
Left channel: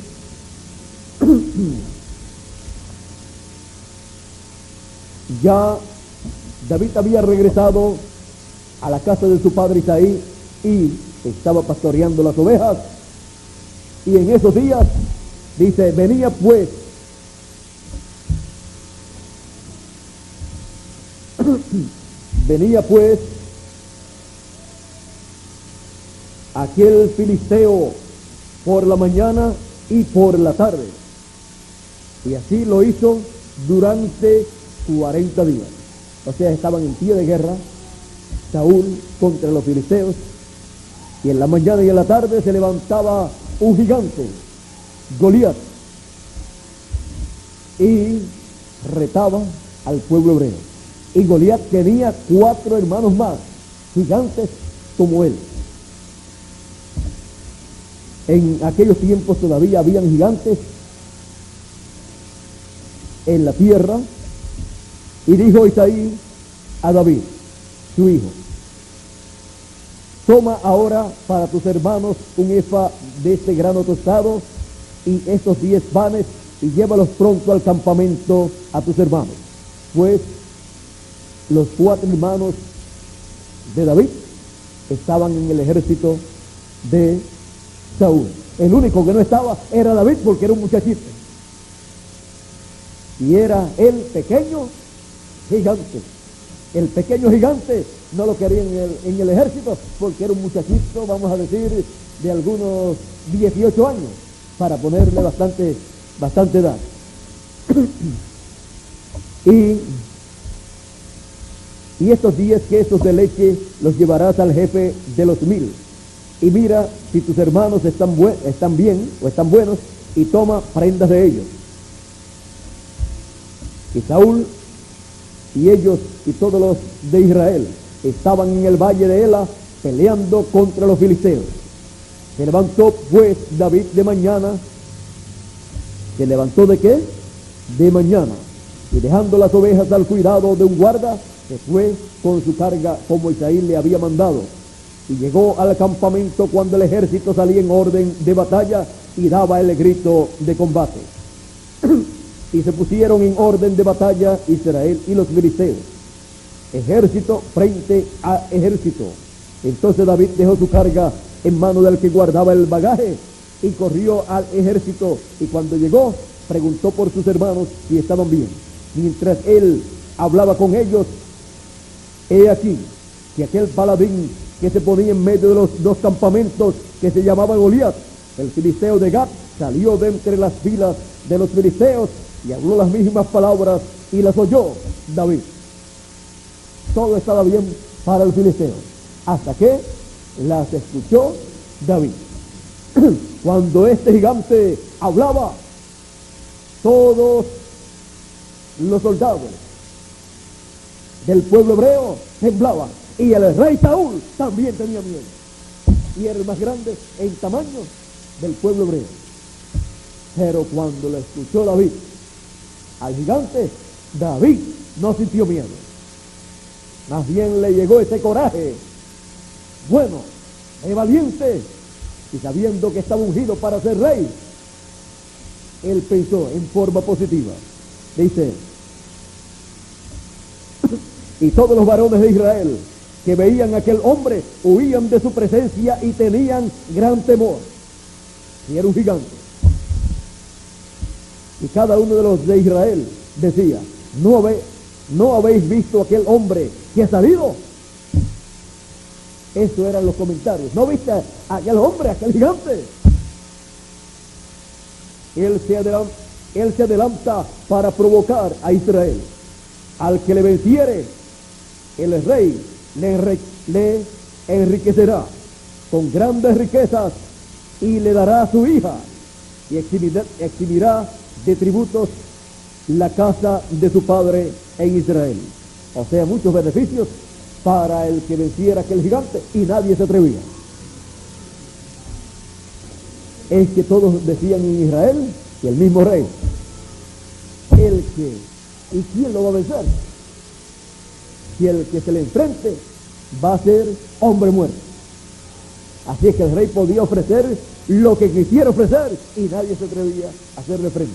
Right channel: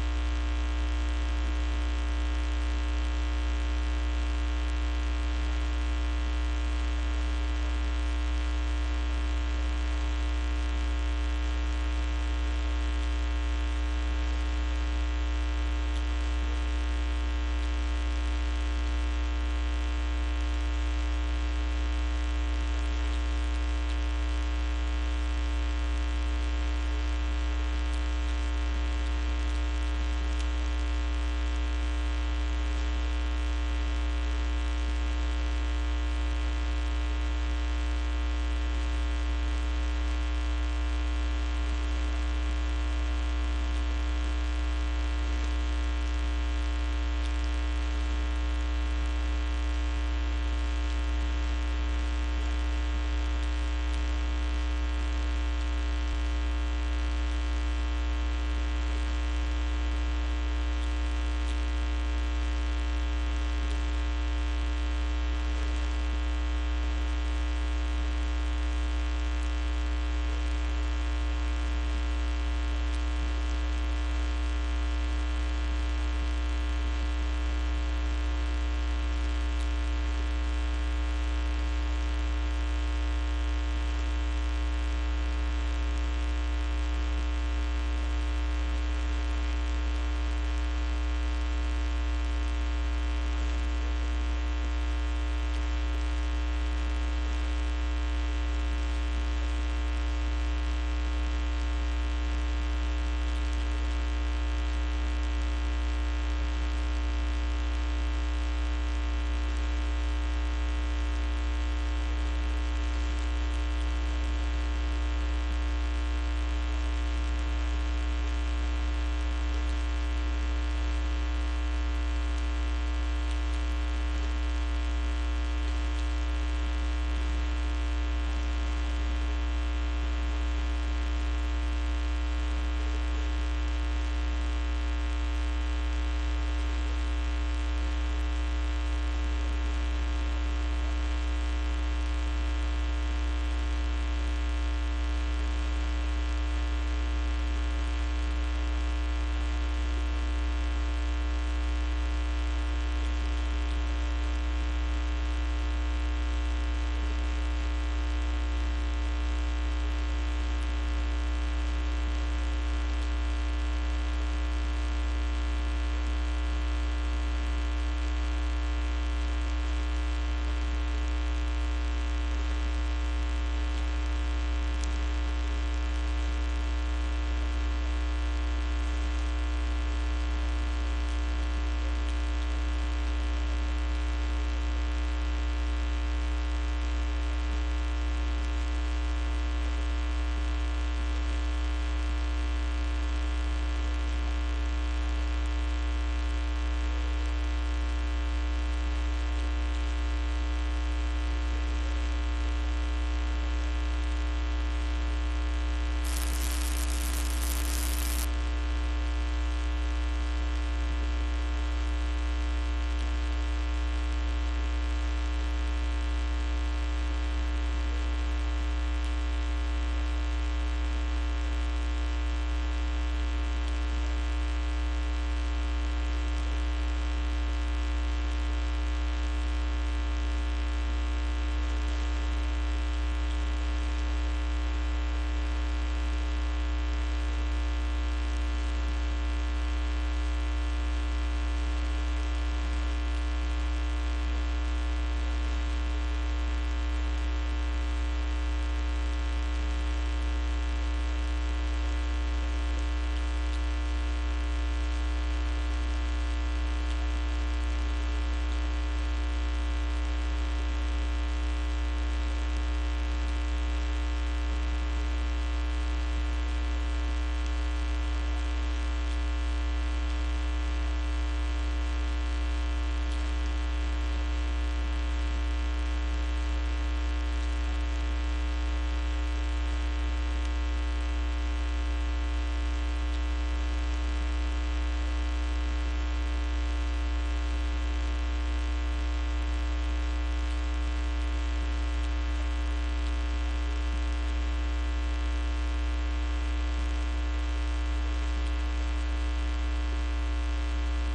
Ya David había regresado a la casa de su padre Isaí y estaba pastoreando las ovejas, y en esos días dice, venía pues aquel filisteo por la mañana y por la tarde, y así lo hizo durante 40 días. O sea, estaban en pie de guerra Saúl contra los filisteos, y en la mañana y en la tarde se levantaba un gigante, Goliat, y retaba al pueblo hebreo. Y Goliat tenía 4 hermanos más, gigantes como él. En aquellos tiempos todavía habían gigantes en la tierra. Y dijo Isaí a David, su hijo, toma ahora para tus hermanos un efa de este grano tostado y estos 10 panes y llévalos pronto al campamento a tus hermanos, pues los 4 hermanos de David estaban en el ejército de Saúl. El único que no estaba era David, porque era un muchachito. Y era el pequeño gigante. El pequeño gigante no lo quería en el ejército, porque era un muchachito, vamos a decir, de algunos 18 años, para ponerle bastante edad. Y estos 10 quesos de leche los llevarás al jefe de los 1000. Y mira si tus hermanos están bien o están buenos, y toma prendas de ellos. Y Saúl y ellos y todos los de Israel estaban en el valle de Ela peleando contra los filisteos. Se levantó pues David de mañana. ¿Se levantó de qué? De mañana. Y dejando las ovejas al cuidado de un guarda, se fue con su carga como Isaí le había mandado. Y llegó al campamento cuando el ejército salía en orden de batalla y daba el grito de combate. Y se pusieron en orden de batalla Israel y los filisteos, ejército frente a ejército. Entonces David dejó su carga en mano del que guardaba el bagaje y corrió al ejército, y cuando llegó preguntó por sus hermanos si estaban bien. Mientras él hablaba con ellos, he aquí que aquel paladín que se ponía en medio de los 2 campamentos, que se llamaba Goliat, el filisteo de Gat, salió de entre las filas de los filisteos y habló las mismas palabras, y las oyó David. Todo estaba bien para el filisteo, hasta que las escuchó David. Cuando este gigante hablaba, todos los soldados del pueblo hebreo temblaban, y el rey Saúl también tenía miedo, y era el más grande en tamaño del pueblo hebreo. Pero cuando lo escuchó David, al gigante, David no sintió miedo. Más bien le llegó ese coraje. Bueno, es valiente, y sabiendo que estaba ungido para ser rey, él pensó en forma positiva. Dice: y todos los varones de Israel que veían a aquel hombre huían de su presencia y tenían gran temor. Y era un gigante. Y cada uno de los de Israel decía: ¿no habéis visto aquel hombre que ha salido? Eso eran los comentarios. ¿No viste a aquel hombre, aquel gigante? Él se adelanta para provocar a Israel. Al que le venciere, el rey le enriquecerá con grandes riquezas y le dará a su hija, y exhimirá de tributos la casa de su padre en Israel. O sea, muchos beneficios para el que venciera aquel gigante, y nadie se atrevía. Es que todos decían en Israel que el mismo rey, ¿y quién lo va a vencer? Si el que se le enfrente va a ser hombre muerto. Así es que el rey podía ofrecer lo que quisiera ofrecer, y nadie se atrevía a hacerle frente.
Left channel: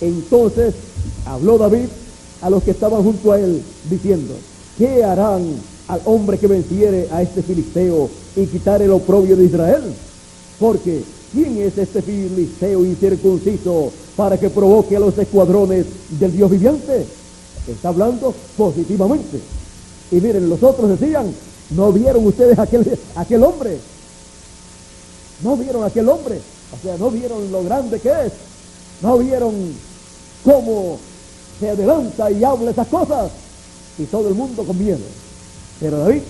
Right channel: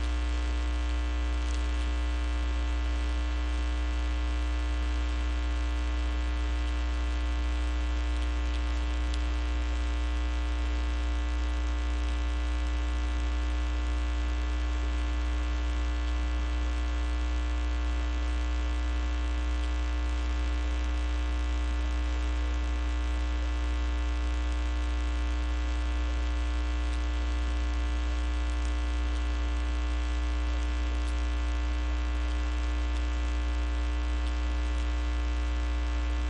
Entonces habló David a los que estaban junto a él, diciendo: ¿qué harán al hombre que venciere a este filisteo y quitare el oprobio de Israel? Porque ¿quién es este filisteo incircunciso para que provoque a los escuadrones del Dios viviente? Está hablando positivamente. Y miren, los otros decían: ¿no vieron ustedes aquel hombre? ¿No vieron aquel hombre? O sea, ¿no vieron lo grande que es? ¿No vieron cómo se adelanta y habla esas cosas? Y todo el mundo con miedo. Pero David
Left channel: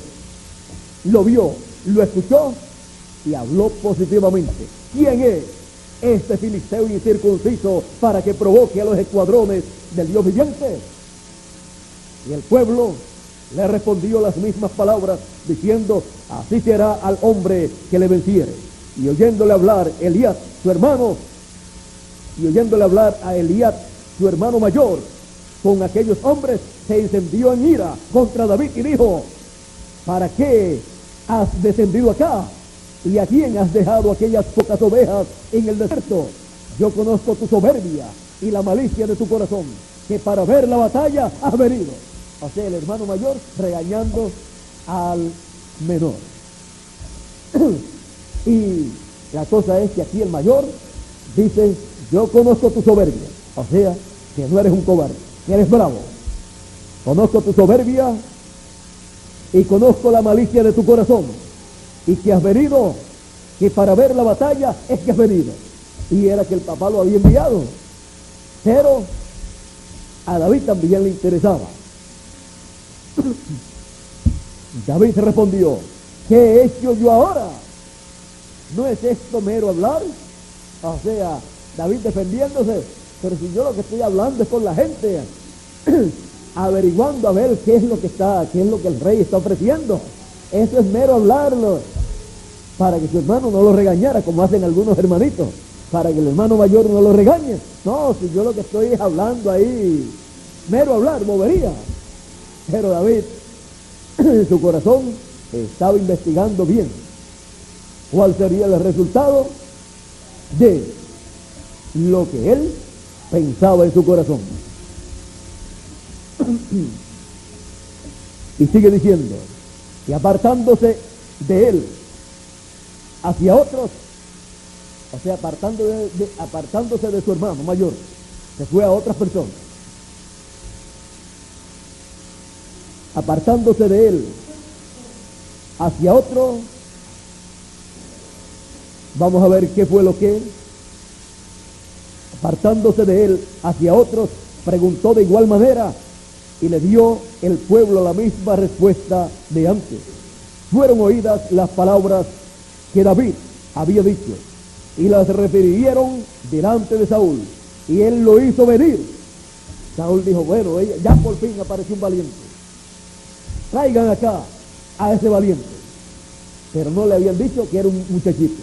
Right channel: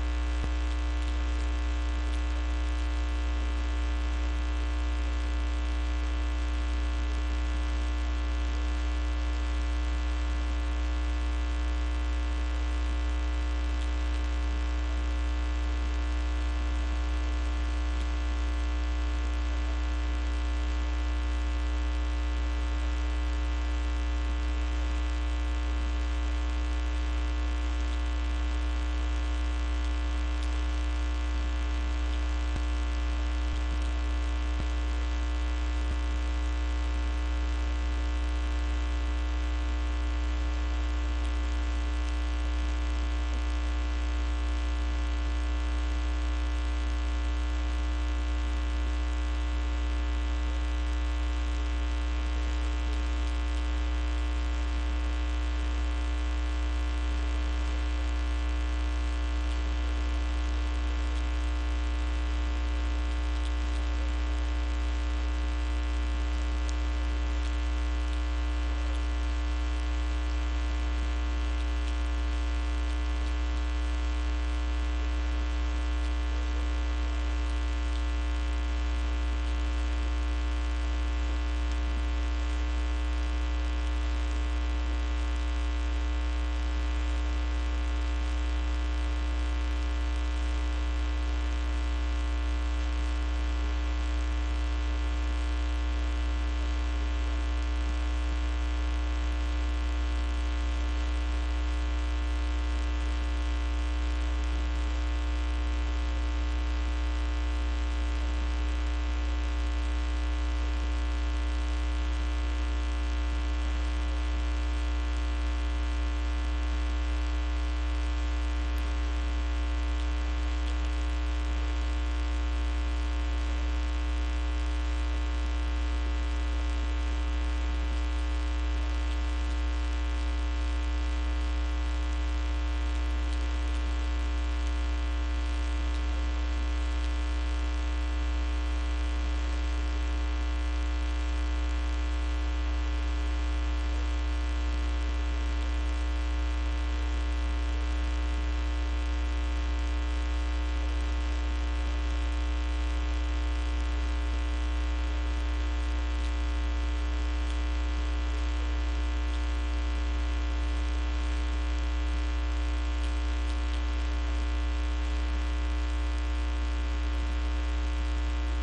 lo vio, lo escuchó y habló positivamente. ¿Quién es este filisteo incircunciso para que provoque a los escuadrones del Dios viviente? Y el pueblo le respondió las mismas palabras, diciendo: así será al hombre que le venciere. Y oyéndole hablar Eliab, su hermano, su hermano mayor, con aquellos hombres, se encendió en ira contra David y dijo: ¿para qué has descendido acá? ¿Y a quién has dejado aquellas pocas ovejas en el desierto? Yo conozco tu soberbia y la malicia de tu corazón, que para ver la batalla has venido. O sea, el hermano mayor regañando al menor. Y la cosa es que aquí el mayor dice: yo conozco tu soberbia. O sea, que no eres un cobarde, que eres bravo. Conozco tu soberbia y conozco la malicia de tu corazón, y que has venido, que para ver la batalla es que has venido. Y era que el papá lo había enviado, pero a David también le interesaba. David respondió: ¿qué he hecho yo ahora? ¿No es esto mero hablar? O sea, David defendiéndose: pero si yo lo que estoy hablando es con la gente, averiguando a ver qué es lo que el rey está ofreciendo. Eso es mero hablarlo, para que su hermano no lo regañara, como hacen algunos hermanitos, para que el hermano mayor no lo regañe. No, si yo lo que estoy es hablando ahí, mero hablar, bobería. Pero David, en su corazón, estaba investigando bien cuál sería el resultado de lo que él pensaba en su corazón. Y sigue diciendo: y apartándose de él hacia otros, o sea, apartándose de su hermano mayor, se fue a otras personas. Apartándose de él hacia otro, vamos a ver qué fue lo que, apartándose de él hacia otros, preguntó de igual manera, y le dio el pueblo la misma respuesta de antes. Fueron oídas las palabras que David había dicho, y las refirieron delante de Saúl, y él lo hizo venir. Saúl dijo: bueno, ya por fin apareció un valiente, traigan acá a ese valiente. Pero no le habían dicho que era un muchachito.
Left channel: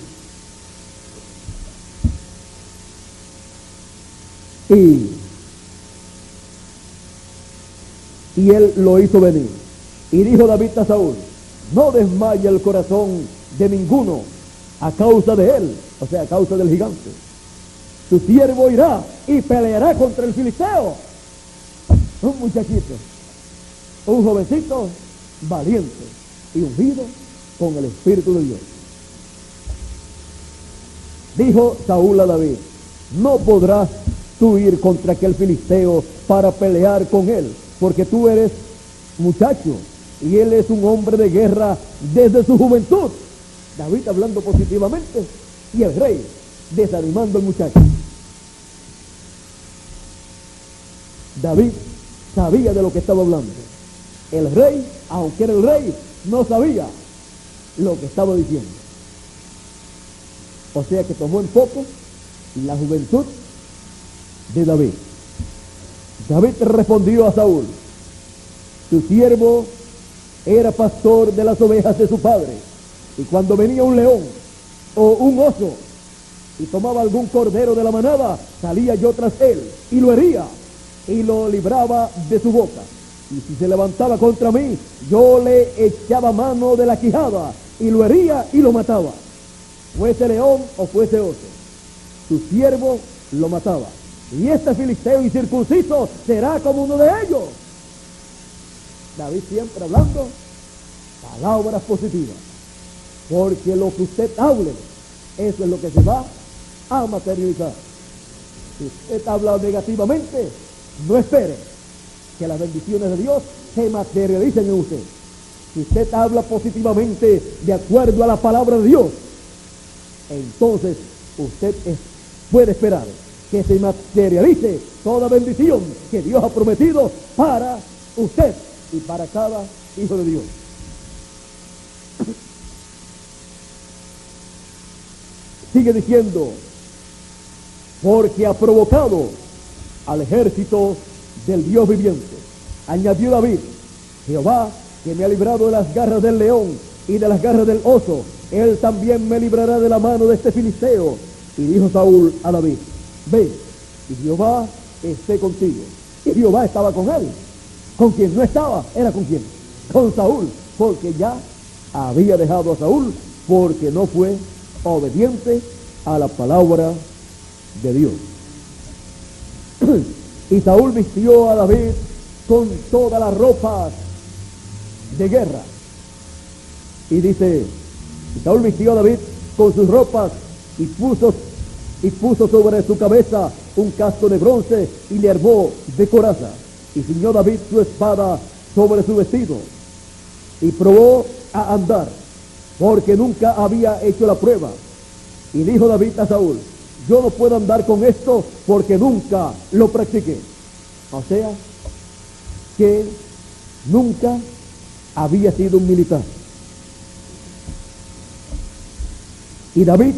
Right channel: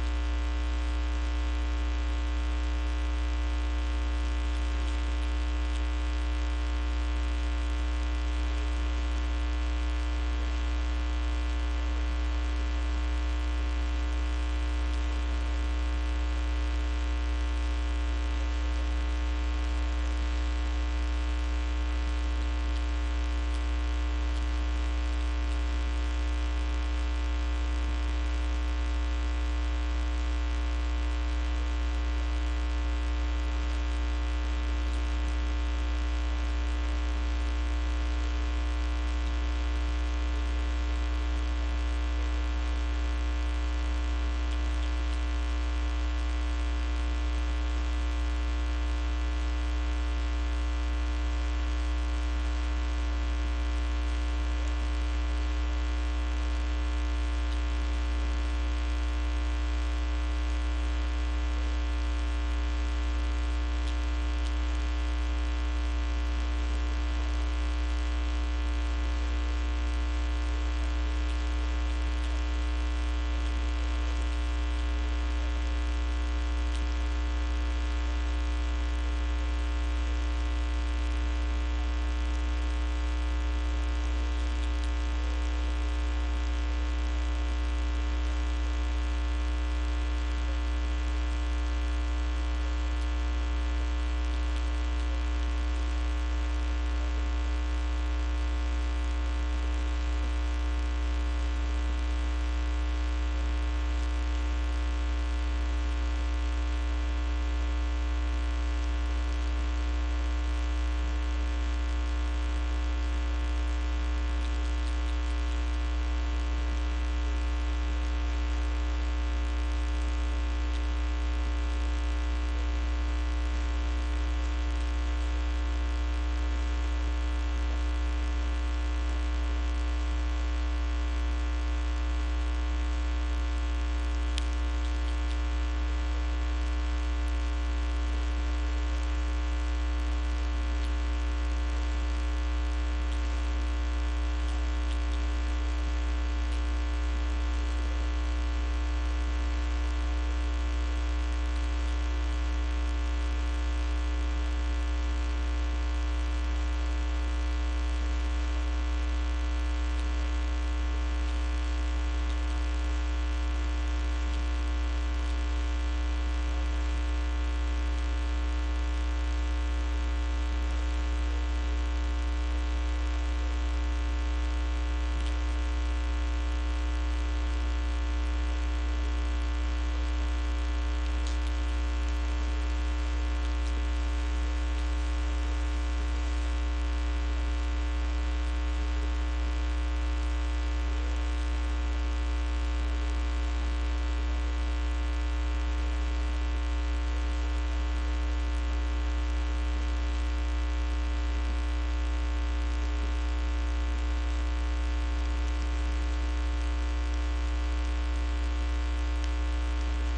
Y él lo hizo venir. Y dijo David a Saúl: no desmaye el corazón de ninguno a causa de él, o sea, a causa del gigante. Tu siervo irá y peleará contra el filisteo. Un muchachito, un jovencito valiente y ungido con el Espíritu de Dios. Dijo Saúl a David: no podrás tú ir contra aquel filisteo para pelear con él, porque tú eres muchacho y él es un hombre de guerra desde su juventud. David hablando positivamente y el rey desanimando al muchacho. David sabía de lo que estaba hablando. El rey, aunque era el rey, no sabía lo que estaba diciendo. O sea que tomó en poco la juventud de David. David respondió a Saúl: tu siervo era pastor de las ovejas de su padre, y cuando venía un león o un oso y tomaba algún cordero de la manada, salía yo tras él y lo hería y lo libraba de su boca. Y si se levantaba contra mí, yo le echaba mano de la quijada y lo hería y lo mataba, fuese león o fuese oso. Tu siervo lo mataba, y este filisteo incircunciso será como uno de ellos. David siempre hablando palabras positivas, porque lo que usted hable, eso es lo que se va a materializar. Si usted habla negativamente, no espere que las bendiciones de Dios se materialicen en usted. Si usted habla positivamente de acuerdo a la palabra de Dios, entonces usted puede esperar que se materialice toda bendición que Dios ha prometido para usted y para cada hijo de Dios. Sigue diciendo: porque ha provocado al ejército del Dios viviente. Añadió David: Jehová, que me ha librado de las garras del león y de las garras del oso, él también me librará de la mano de este filisteo. Y dijo Saúl a David: ve, y Jehová esté contigo. Y Jehová estaba con él. Con quien no estaba, era con quién, con Saúl, porque ya había dejado a Saúl, porque no fue obediente a la palabra de Dios. Y Saúl vistió a David con todas las ropas de guerra. Y dice, y Saúl vistió a David con sus ropas y puso sobre su cabeza un casco de bronce y le armó de coraza. Y ciñó David su espada sobre su vestido y probó a andar, porque nunca había hecho la prueba. Y dijo David a Saúl, yo no puedo andar con esto porque nunca lo practiqué. O sea, que nunca había sido un militar. Y David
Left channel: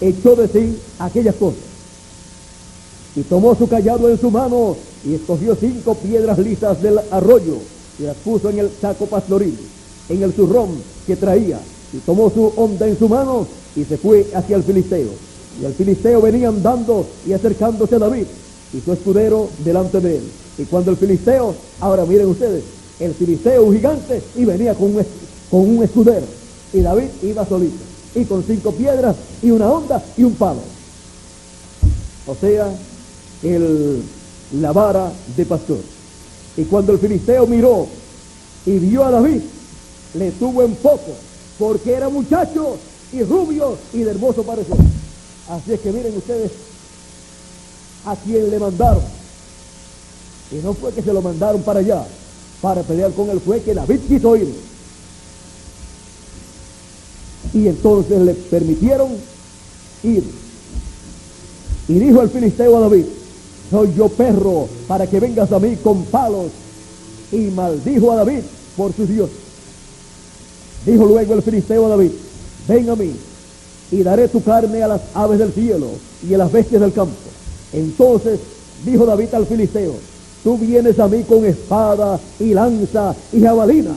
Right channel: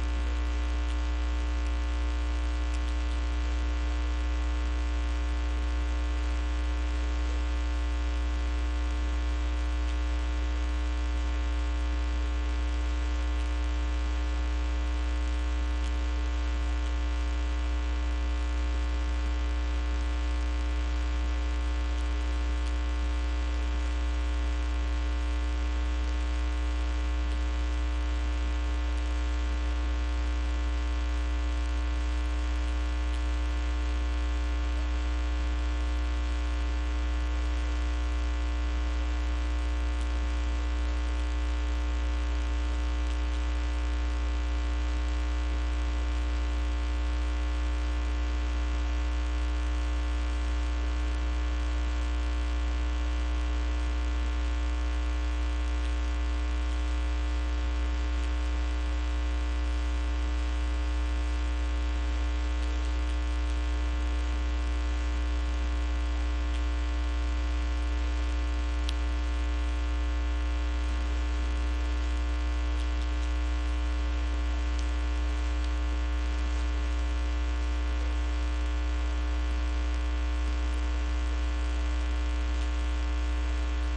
echó de sí aquellas cosas y tomó su cayado en su mano y escogió 5 piedras lisas del arroyo y las puso en el saco pastoril, en el zurrón que traía, y tomó su honda en su mano y se fue hacia el filisteo. Y el filisteo venía andando y acercándose a David y su escudero delante de él. Y cuando el filisteo, ahora miren ustedes, el filisteo un gigante y venía con un escudero, y David iba solito y con 5 piedras y una honda y un palo, o sea, la vara de pastor. Y cuando el filisteo miró y vio a David, le tuvo en poco, porque era muchacho y rubio y de hermoso parecer. Así es que miren ustedes a quien le mandaron. Y no fue que se lo mandaron para allá para pelear con él, fue que David quiso ir. Y entonces le permitieron ir. Y dijo el filisteo a David, soy yo perro para que vengas a mí con palos. Y maldijo a David por sus dioses. Dijo luego el filisteo a David, ven a mí y daré tu carne a las aves del cielo y a las bestias del campo. Entonces dijo David al filisteo, tú vienes a mí con espada y lanza y jabalina,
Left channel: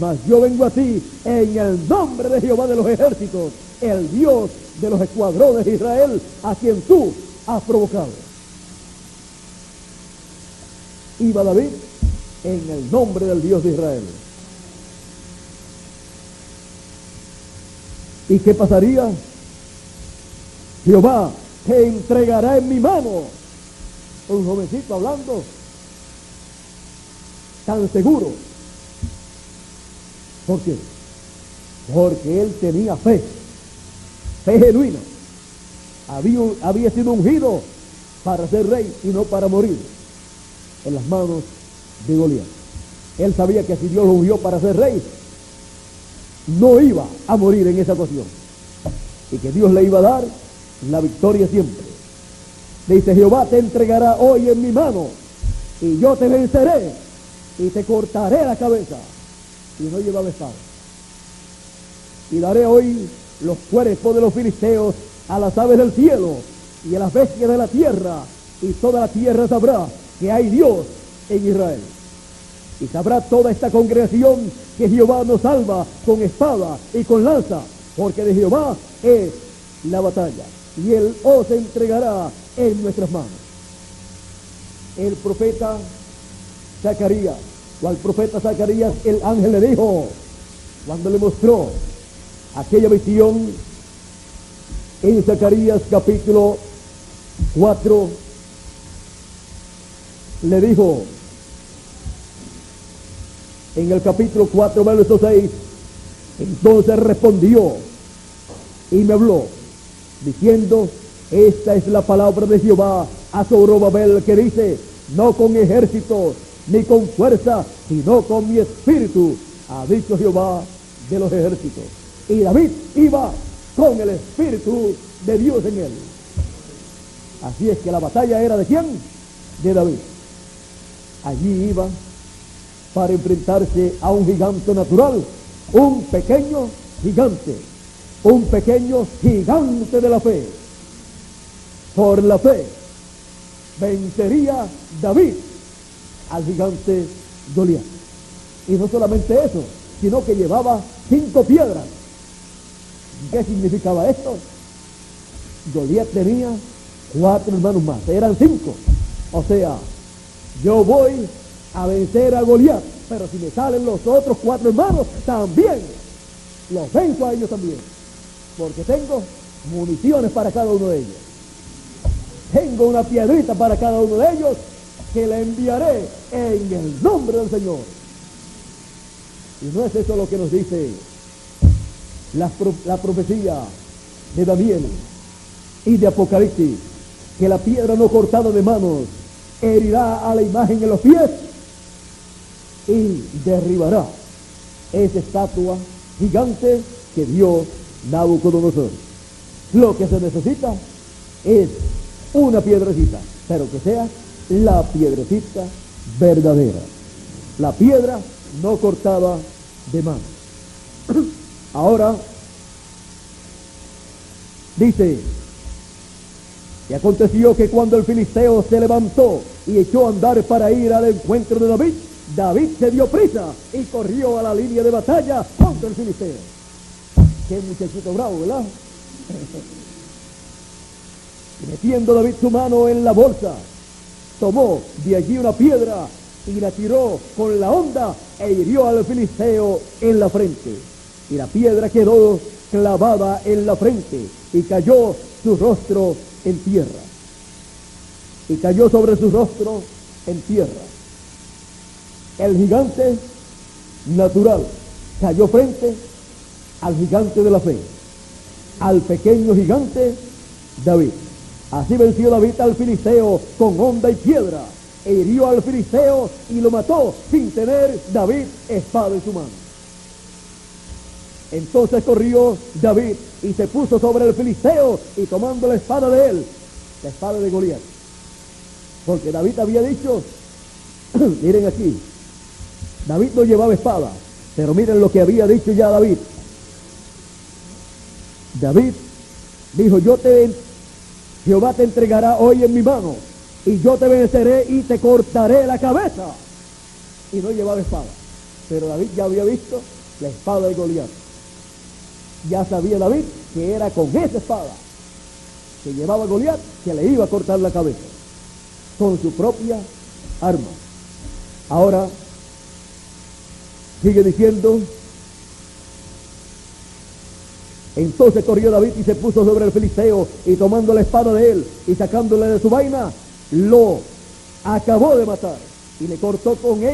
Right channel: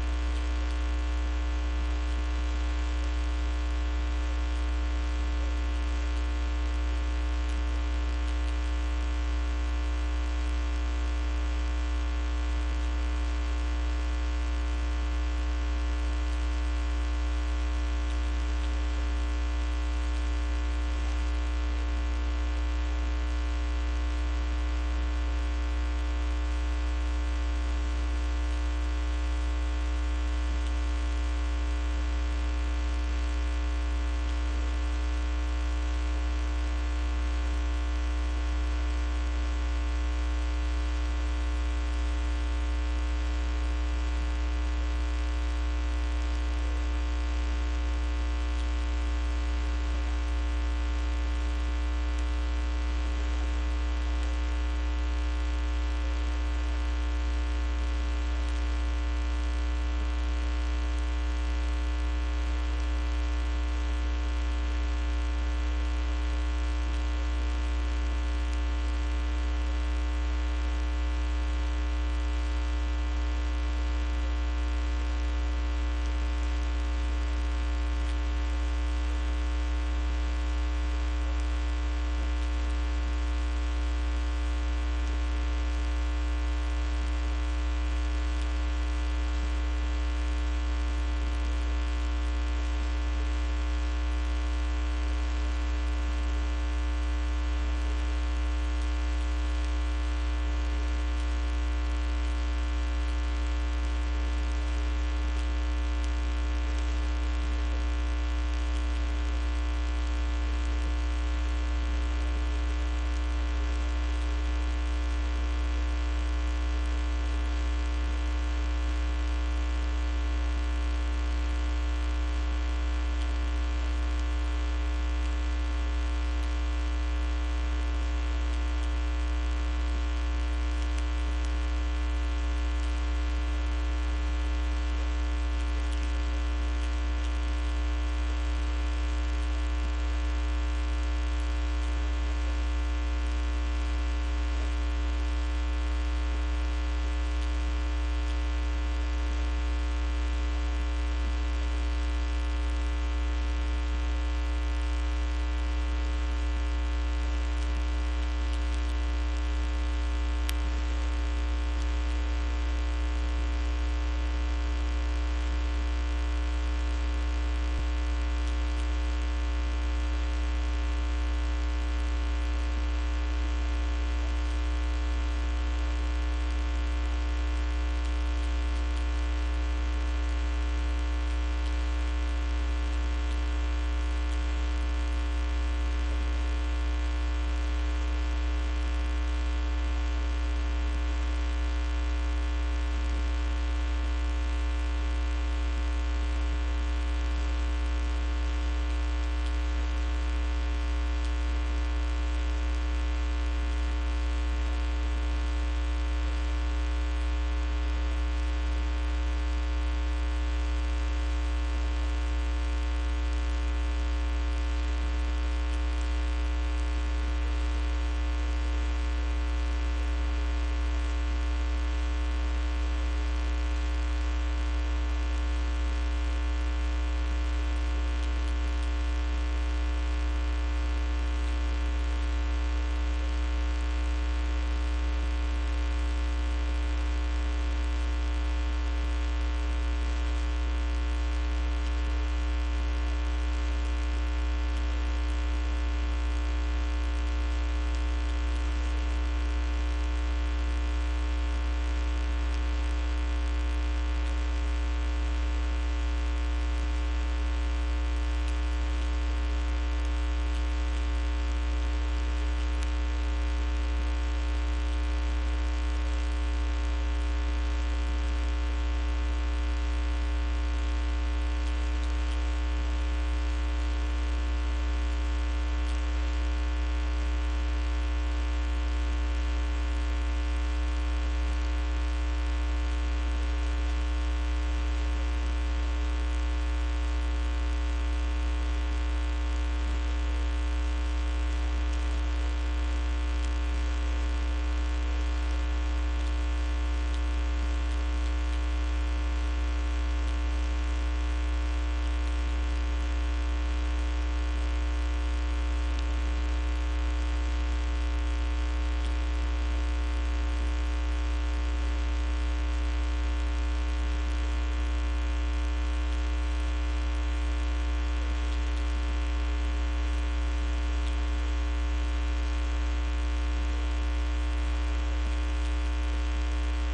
mas yo vengo a ti en el nombre de Jehová de los ejércitos, el Dios de los escuadrones de Israel, a quien tú has provocado. Iba David en el nombre del Dios de Israel. ¿Y qué pasaría? Jehová te entregará en mi mano. Un jovencito hablando tan seguro. ¿Por qué? Porque él tenía fe genuina. Había sido ungido para ser rey y no para morir en las manos de Goliat. Él sabía que si Dios lo ungió para ser rey, no iba a morir en esa ocasión, y que Dios le iba a dar la victoria siempre. Dice, Jehová te entregará hoy en mi mano, y yo te venceré, y te cortaré la cabeza, y no lleva a besar. Y daré hoy los cuerpos de los filisteos a las aves del cielo, y a las bestias de la tierra, y toda la tierra sabrá que hay Dios en Israel. Y sabrá toda esta congregación que Jehová nos salva con espada y con lanza, porque de Jehová es la batalla, y Él os entregará en nuestras manos. El profeta Zacarías, o al profeta Zacarías, el ángel le dijo, cuando le mostró aquella visión en Zacarías capítulo 4, le dijo, en el capítulo 4, verso 6, entonces respondió y me habló, diciendo, esta es la palabra de Jehová a Zorobabel, que dice, no con ejército ni con fuerza, sino con mi espíritu, ha dicho Jehová de los ejércitos. Y David iba con el espíritu de Dios en él. Así es que la batalla era ¿de quién? De David. Allí iba para enfrentarse a un gigante natural, un pequeño gigante de la fe. Por la fe vencería David al gigante Goliat. Y no solamente eso, sino que llevaba 5 piedras. ¿Qué significaba esto? Goliat tenía 4 hermanos más, eran 5. O sea, yo voy a vencer a Goliat, pero si me salen los otros 4 hermanos, también los venzo a ellos también, porque tengo municiones para cada uno de ellos. tengo una piedrita para cada uno de ellos que la enviaré en el nombre del Señor. Y no es eso lo que nos dice la profecía de Daniel y de Apocalipsis, que la piedra no cortada de manos herirá a la imagen en los pies y derribará esa estatua gigante que dio Nabucodonosor. Lo que se necesita es una piedrecita, pero que sea la piedrecita verdadera, la piedra no cortada de mano. Ahora dice: y aconteció que cuando el filisteo se levantó y echó a andar para ir al encuentro de David, David se dio prisa y corrió a la línea de batalla contra el filisteo. Qué muchachito bravo, ¿verdad? Metiendo David su mano en la bolsa, tomó de allí una piedra y la tiró con la honda e hirió al filisteo en la frente. Y la piedra quedó clavada en la frente y cayó su rostro en tierra. Y cayó sobre su rostro en tierra. El gigante natural cayó frente al gigante de la fe, al pequeño gigante David. Así venció David al filisteo con honda y piedra, e hirió al filisteo y lo mató sin tener David espada en su mano. Entonces corrió David y se puso sobre el filisteo y tomando la espada de él, la espada de Goliat. Porque David había dicho, miren aquí, David no llevaba espada, pero miren lo que había dicho ya David. David dijo: Jehová te entregará hoy en mi mano, y yo te venceré y te cortaré la cabeza. Y no llevaba espada, pero David ya había visto la espada de Goliat. Ya sabía David que era con esa espada que llevaba Goliat que le iba a cortar la cabeza, con su propia arma. Ahora sigue diciendo: entonces corrió David y se puso sobre el filisteo, y tomando la espada de él y sacándole de su vaina, lo acabó de matar y le cortó con la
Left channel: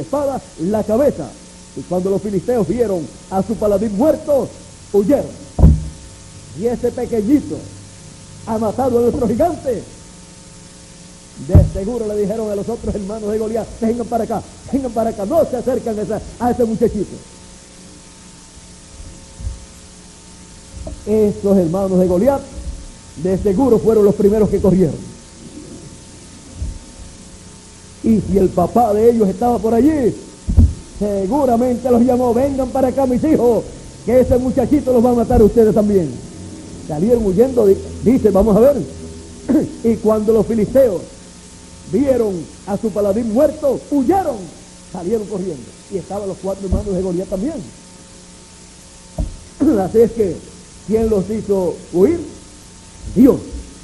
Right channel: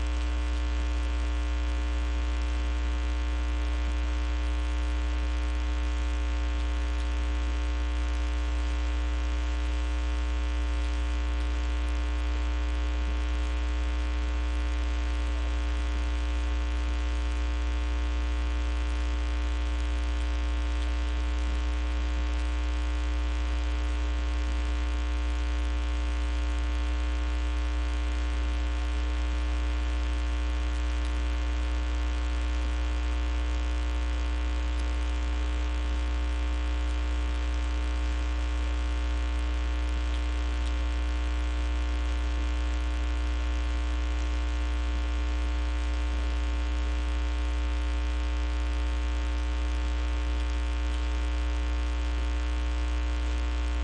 espada, la cabeza. Y cuando los filisteos vieron a su paladín muerto, huyeron. Y ese pequeñito ha matado a nuestro gigante. De seguro le dijeron a los otros hermanos de Goliat: vengan para acá, no se acercan a ese muchachito. Estos hermanos de Goliat de seguro fueron los primeros que corrieron. Y si el papá de ellos estaba por allí, seguramente los llamó: vengan para acá, mis hijos, que ese muchachito los va a matar a ustedes también. Salieron huyendo, dice, vamos a ver. Y cuando los filisteos vieron a su paladín muerto, huyeron, salieron corriendo. Y estaban los 4 hermanos de Goliat también. Así es que, ¿quién los hizo huir? Dios,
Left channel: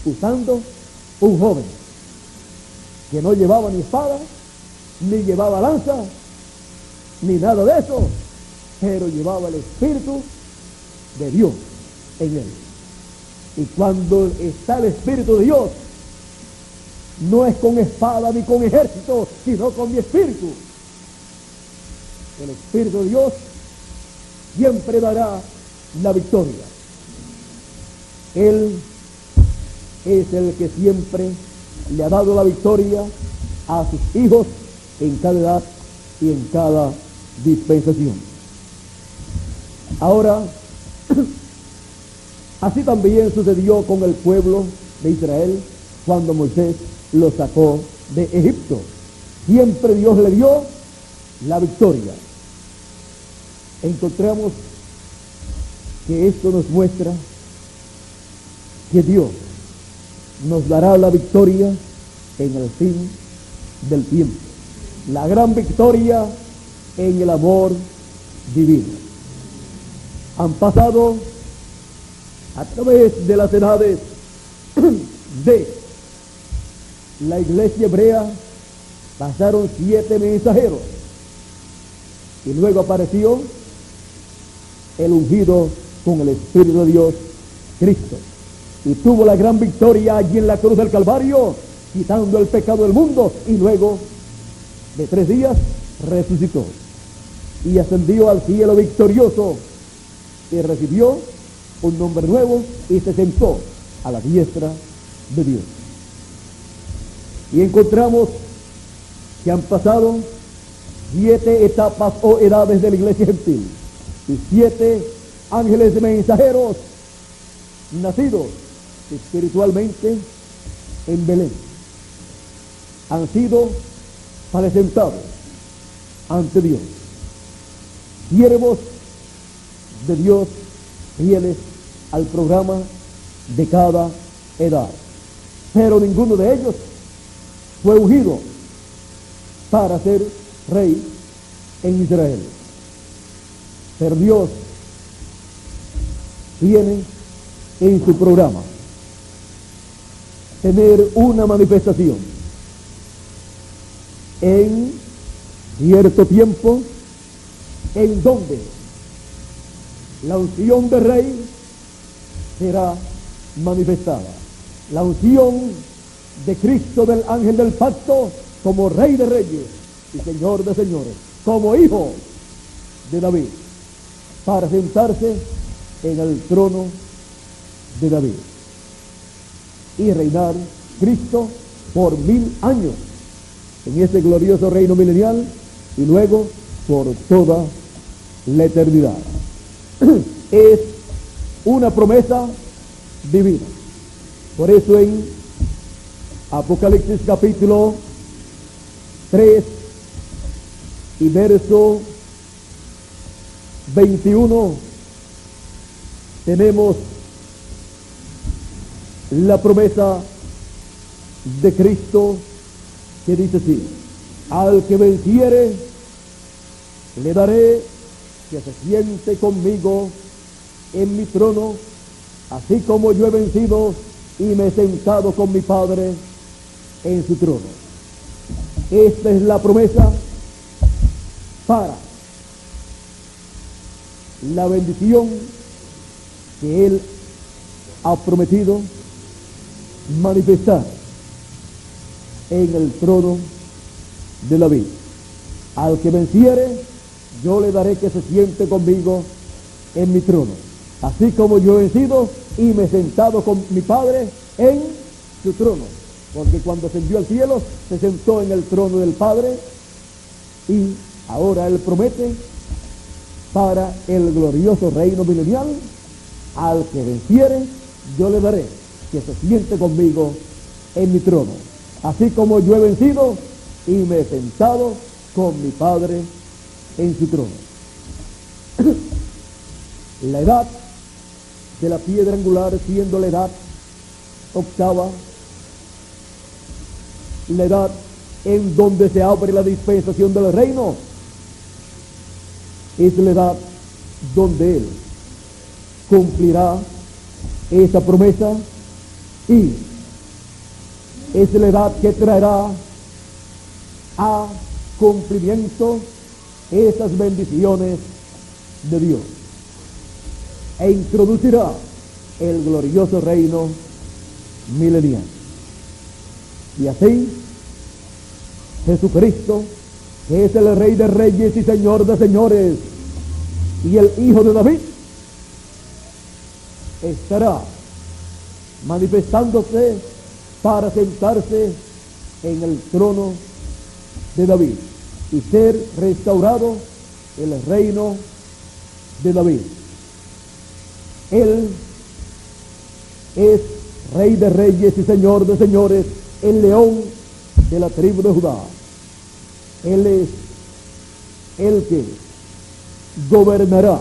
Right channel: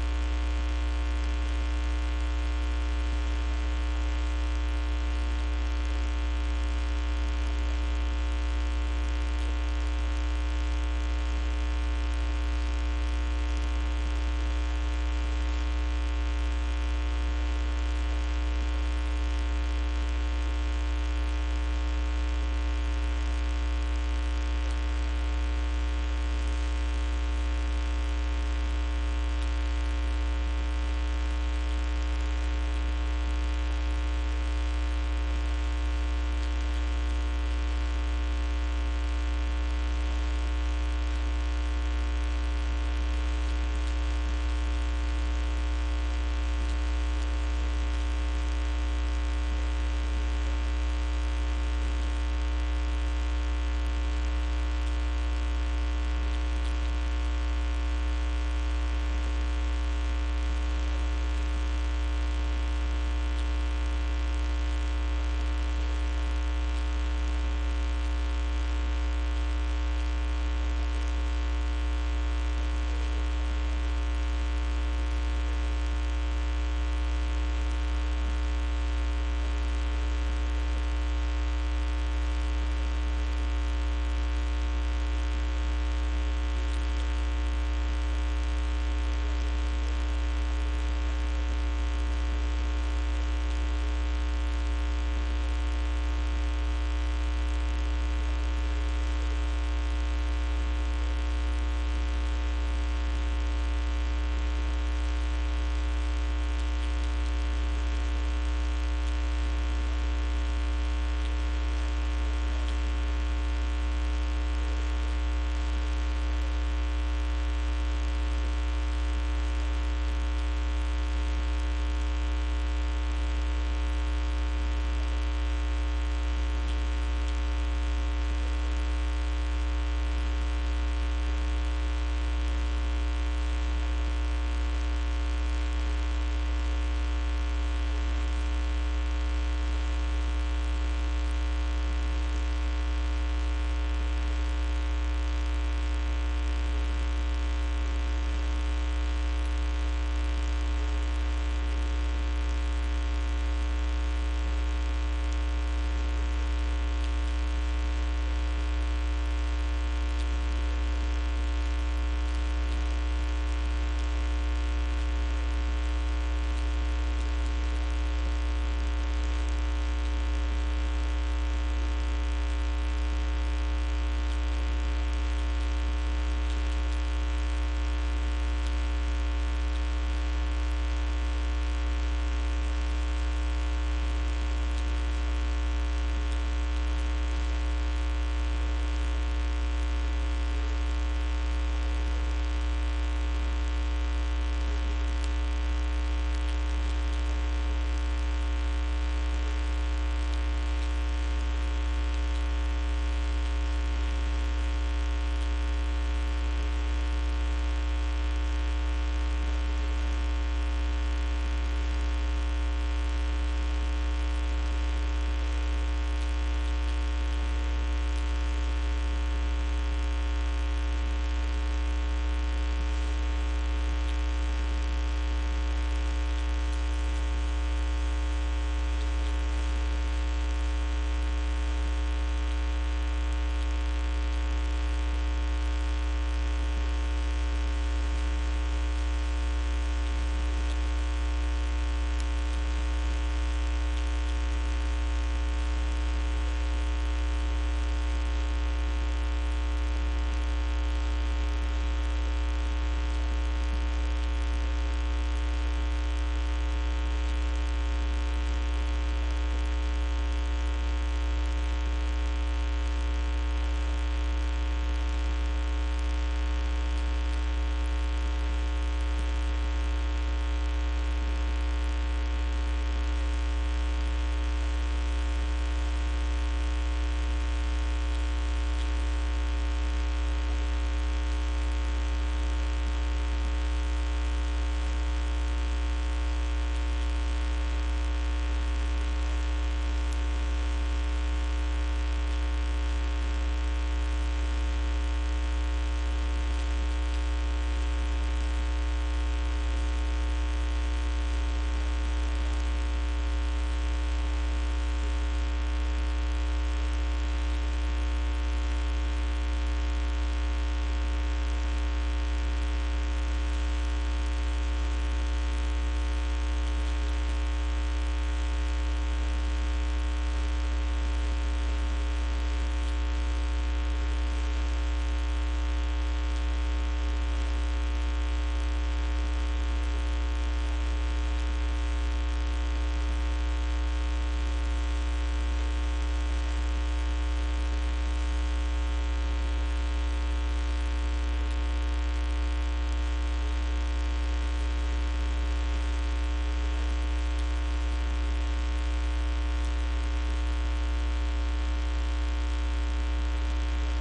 usando un joven que no llevaba ni espada, ni llevaba lanza, ni nada de eso, pero llevaba el Espíritu de Dios en él. Y cuando está el Espíritu de Dios, no es con espada ni con ejército, sino con mi Espíritu. El Espíritu de Dios siempre dará la victoria. Él es el que siempre le ha dado la victoria a sus hijos en cada edad y en cada dispensación. Ahora, así también sucedió con el pueblo de Israel cuando Moisés lo sacó de Egipto. Siempre Dios le dio la victoria. Encontramos que esto nos muestra que Dios nos dará la victoria en el fin del tiempo. La gran victoria en el amor divino. Han pasado a través de las edades de la iglesia hebrea, pasaron 7 mensajeros y luego apareció el ungido con el Espíritu de Dios, Cristo. y tuvo la gran victoria allí en la cruz del Calvario, quitando el pecado del mundo, y luego de 3 días resucitó y ascendió al cielo victorioso y recibió un nombre nuevo y se sentó a la diestra de Dios. Y encontramos que han pasado 7 etapas o edades de la iglesia gentil y 7 ángeles mensajeros nacidos espiritualmente en Belén han sido presentados ante Dios, siervos de Dios fieles al programa de cada edad, pero ninguno de ellos fue ungido para ser rey en Israel. Pero Dios tiene en su programa tener una manifestación en cierto tiempo en donde la unción de rey será manifestada. La unción de Cristo, del ángel del pacto, como rey de reyes y señor de señores, como hijo de David, para sentarse en el trono de David y reinar Cristo por 1000 años en ese glorioso reino milenial y luego por toda la eternidad. Es una promesa divina. Por eso en Apocalipsis capítulo 3 y verso 21 tenemos la promesa de Cristo que dice así: al que venciere le daré que se siente conmigo en mi trono, así como yo he vencido y me he sentado con mi Padre en su trono. Esta es la promesa para la bendición que Él ha prometido manifestar en el trono de la vida. Al que venciere, yo le daré que se siente conmigo en mi trono, así como yo he vencido y me he sentado con mi Padre en su trono. Porque cuando ascendió al cielo, se sentó en el trono del Padre, y ahora Él promete para el glorioso reino milenial: al que venciere, yo le daré que se siente conmigo en mi trono, así como yo he vencido y me he sentado con mi Padre en su trono. La edad de la piedra angular, siendo la edad octava, la edad en donde se abre la dispensación del reino, es la edad donde Él cumplirá esa promesa, y es la edad que traerá a cumplimiento esas bendiciones de Dios e introducirá el glorioso reino milenial. Y así Jesucristo, que es el Rey de Reyes y Señor de Señores y el Hijo de David, estará manifestándose para sentarse en el trono de David y ser restaurado el reino de David. Él es Rey de Reyes y Señor de Señores, el león de la tribu de Judá. Él es el que gobernará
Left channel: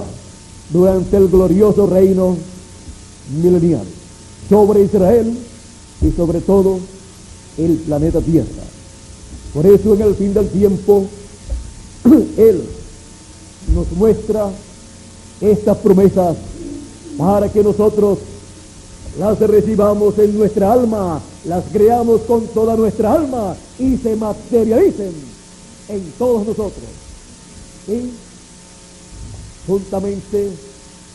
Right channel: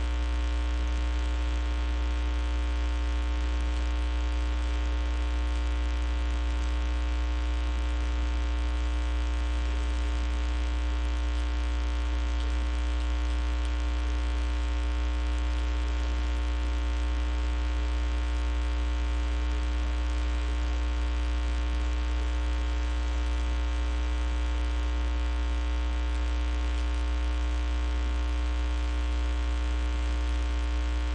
durante el glorioso reino milenial sobre Israel y sobre todo el planeta Tierra. Por eso en el fin del tiempo Él nos muestra estas promesas para que nosotros las recibamos en nuestra alma, las creamos con toda nuestra alma y se materialicen en todos nosotros. ¿Sí? Juntamente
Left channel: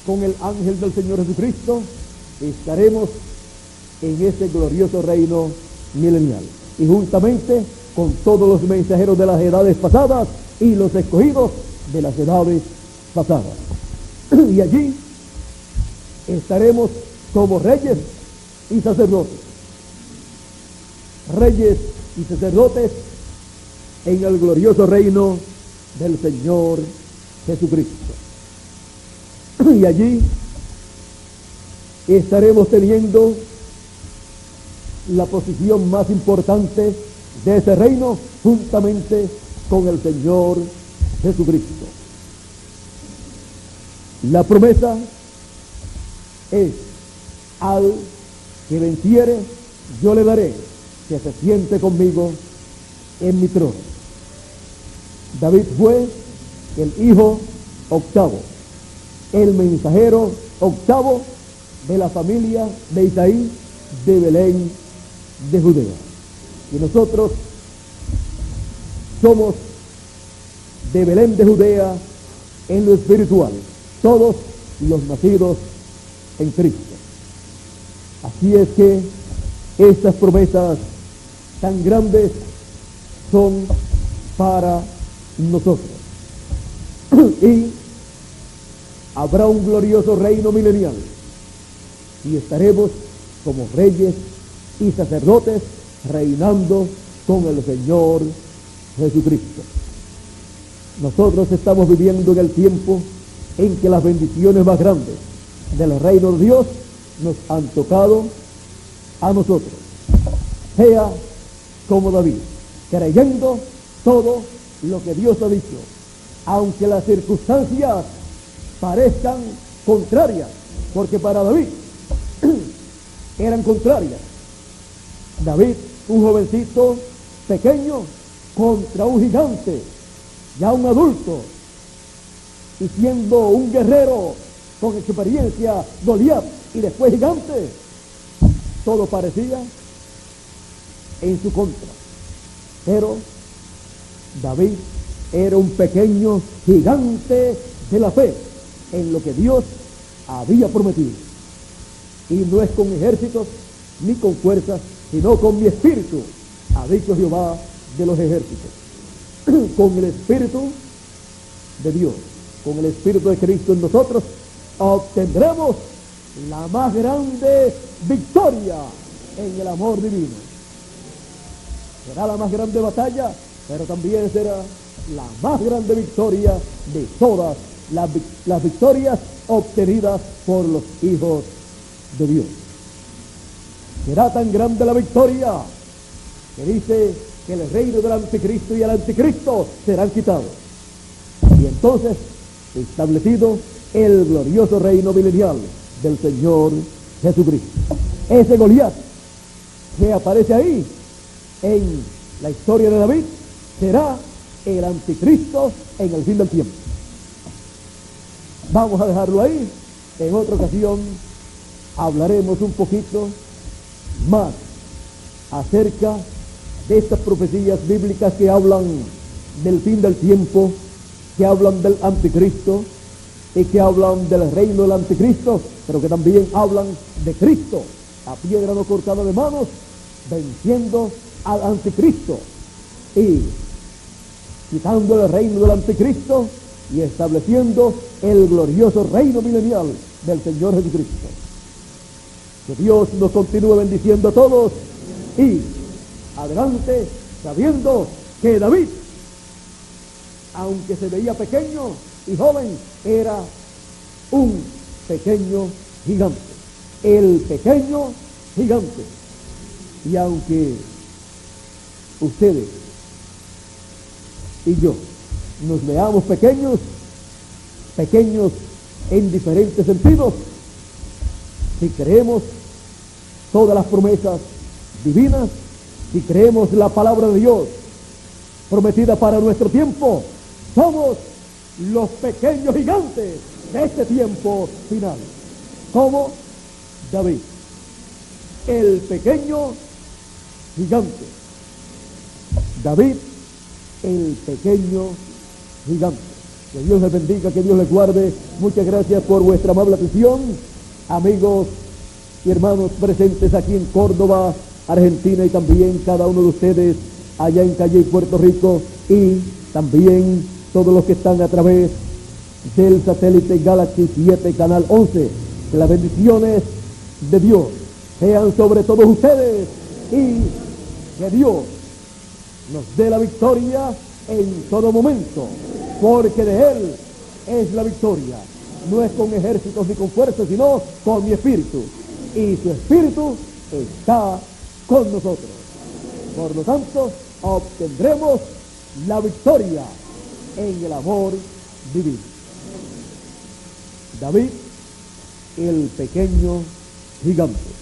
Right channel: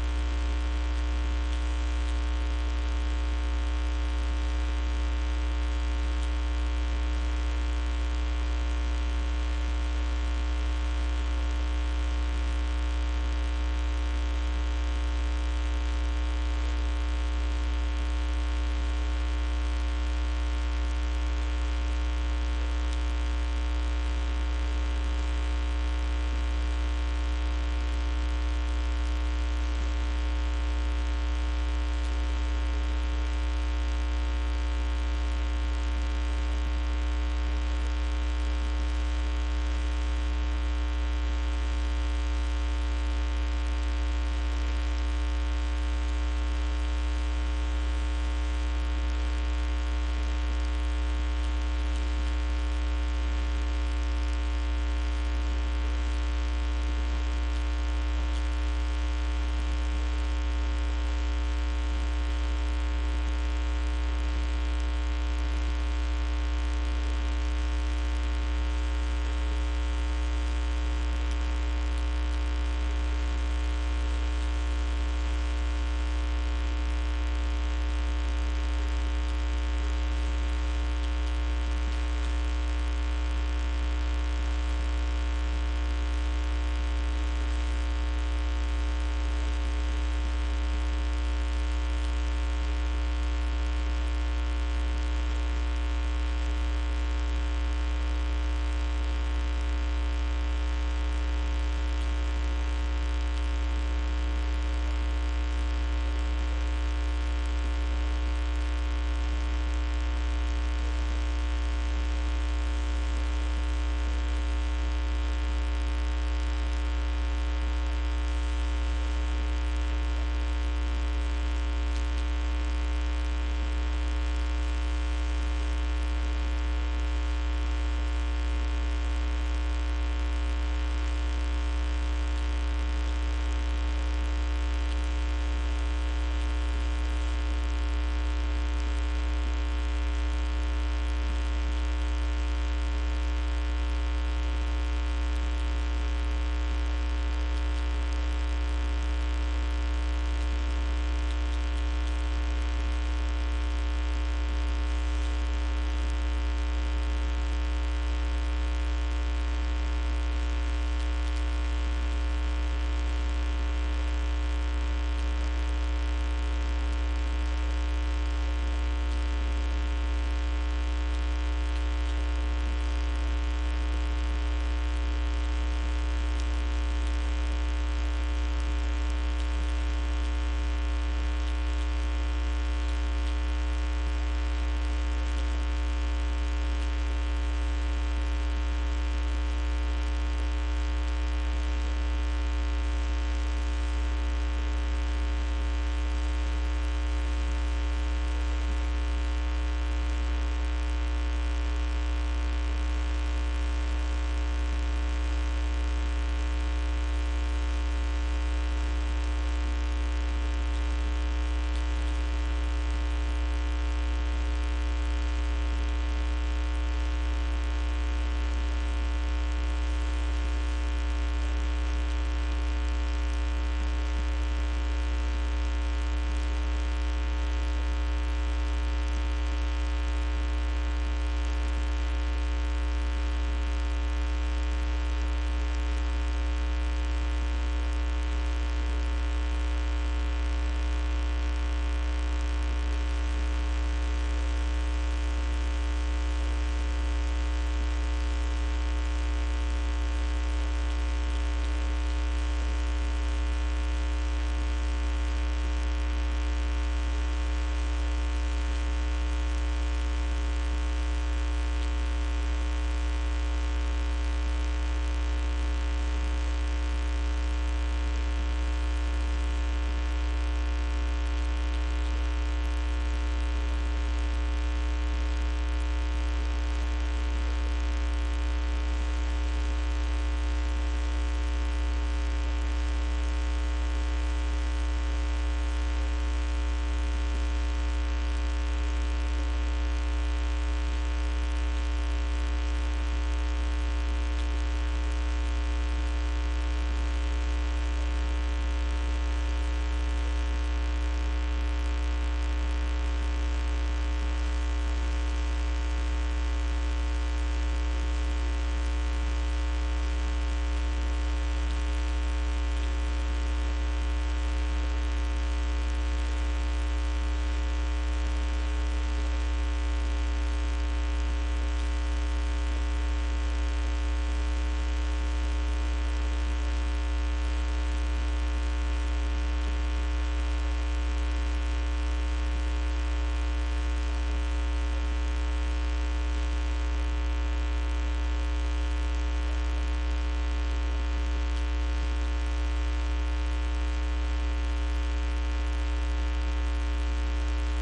con el ángel del Señor Jesucristo estaremos en este glorioso reino milenial. Y juntamente con todos los mensajeros de las edades pasadas y los escogidos de las edades pasadas. Y allí estaremos como reyes y sacerdotes. Reyes y sacerdotes en el glorioso reino del Señor Jesucristo. Y allí estaremos teniendo la posición más importante de ese reino juntamente con el Señor Jesucristo. La promesa es: al que venciere, yo le daré que se siente conmigo en mi trono. David fue el hijo octavo, el mensajero octavo de la familia de Isaí de Belén de Judea. Y nosotros somos de Belén de Judea en lo espiritual, todos los nacidos en Cristo. Así es que estas promesas tan grandes son para nosotros. Y habrá un glorioso reino milenial y estaremos como reyes y sacerdotes reinando con el Señor Jesucristo. Nosotros estamos viviendo en el tiempo en que las bendiciones más grandes del reino de Dios nos han tocado a nosotros. Sea como David, creyendo todo lo que Dios ha dicho, aunque las circunstancias parezcan contrarias, porque para David eran contrarias. David, un jovencito pequeño, contra un gigante, ya un adulto, y siendo un guerrero con experiencia, Goliat, y después gigante, todo parecía en su contra. Pero David era un pequeño gigante de la fe en lo que Dios había prometido. Y no es con ejércitos ni con fuerzas, sino con mi espíritu, ha dicho Jehová de los ejércitos. Con el espíritu de Dios, con el espíritu de Cristo en nosotros, obtendremos la más grande victoria en el amor divino. Será la más grande batalla, pero también será la más grande victoria de todas las victorias obtenidas por los hijos de Dios. Será tan grande la victoria que dice que el reino del anticristo y el anticristo serán quitados. Y entonces establecido el glorioso reino milenial del Señor Jesucristo. Ese Goliat que aparece ahí en la historia de David será el anticristo en el fin del tiempo. Vamos a dejarlo ahí. En otra ocasión hablaremos un poquito más acerca de estas profecías bíblicas que hablan del fin del tiempo, que hablan del anticristo y que hablan del reino del anticristo, pero que también hablan de Cristo a piedra no cortada de manos, venciendo al anticristo y quitando el reino del anticristo y estableciendo el glorioso reino milenial del Señor Jesucristo. Que Dios nos continúe bendiciendo a todos y adelante, sabiendo que David, aunque se veía pequeño y joven, era un pequeño gigante, el pequeño gigante. Y aunque ustedes y yo nos veamos pequeños en diferentes sentidos, si creemos todas las promesas divinas, si creemos la palabra de Dios prometida para nuestro tiempo, somos los pequeños gigantes de este tiempo final. Como David, el pequeño gigante. David, el pequeño gigante. Que Dios les bendiga, que Dios les guarde. Muchas gracias por vuestra amable atención, amigos y hermanos presentes aquí en Córdoba, Argentina, y también cada uno de ustedes allá en Calle, Puerto Rico, y también todos los que están a través del satélite Galaxy 7, Canal 11. Que las bendiciones de Dios sean sobre todos ustedes y que Dios nos dé la victoria en todo momento, porque de Él es la victoria. No es con ejércitos ni con fuerzas, sino con mi espíritu. Y su espíritu está con nosotros. Por lo tanto, obtendremos la victoria en el amor divino. David, el pequeño gigante.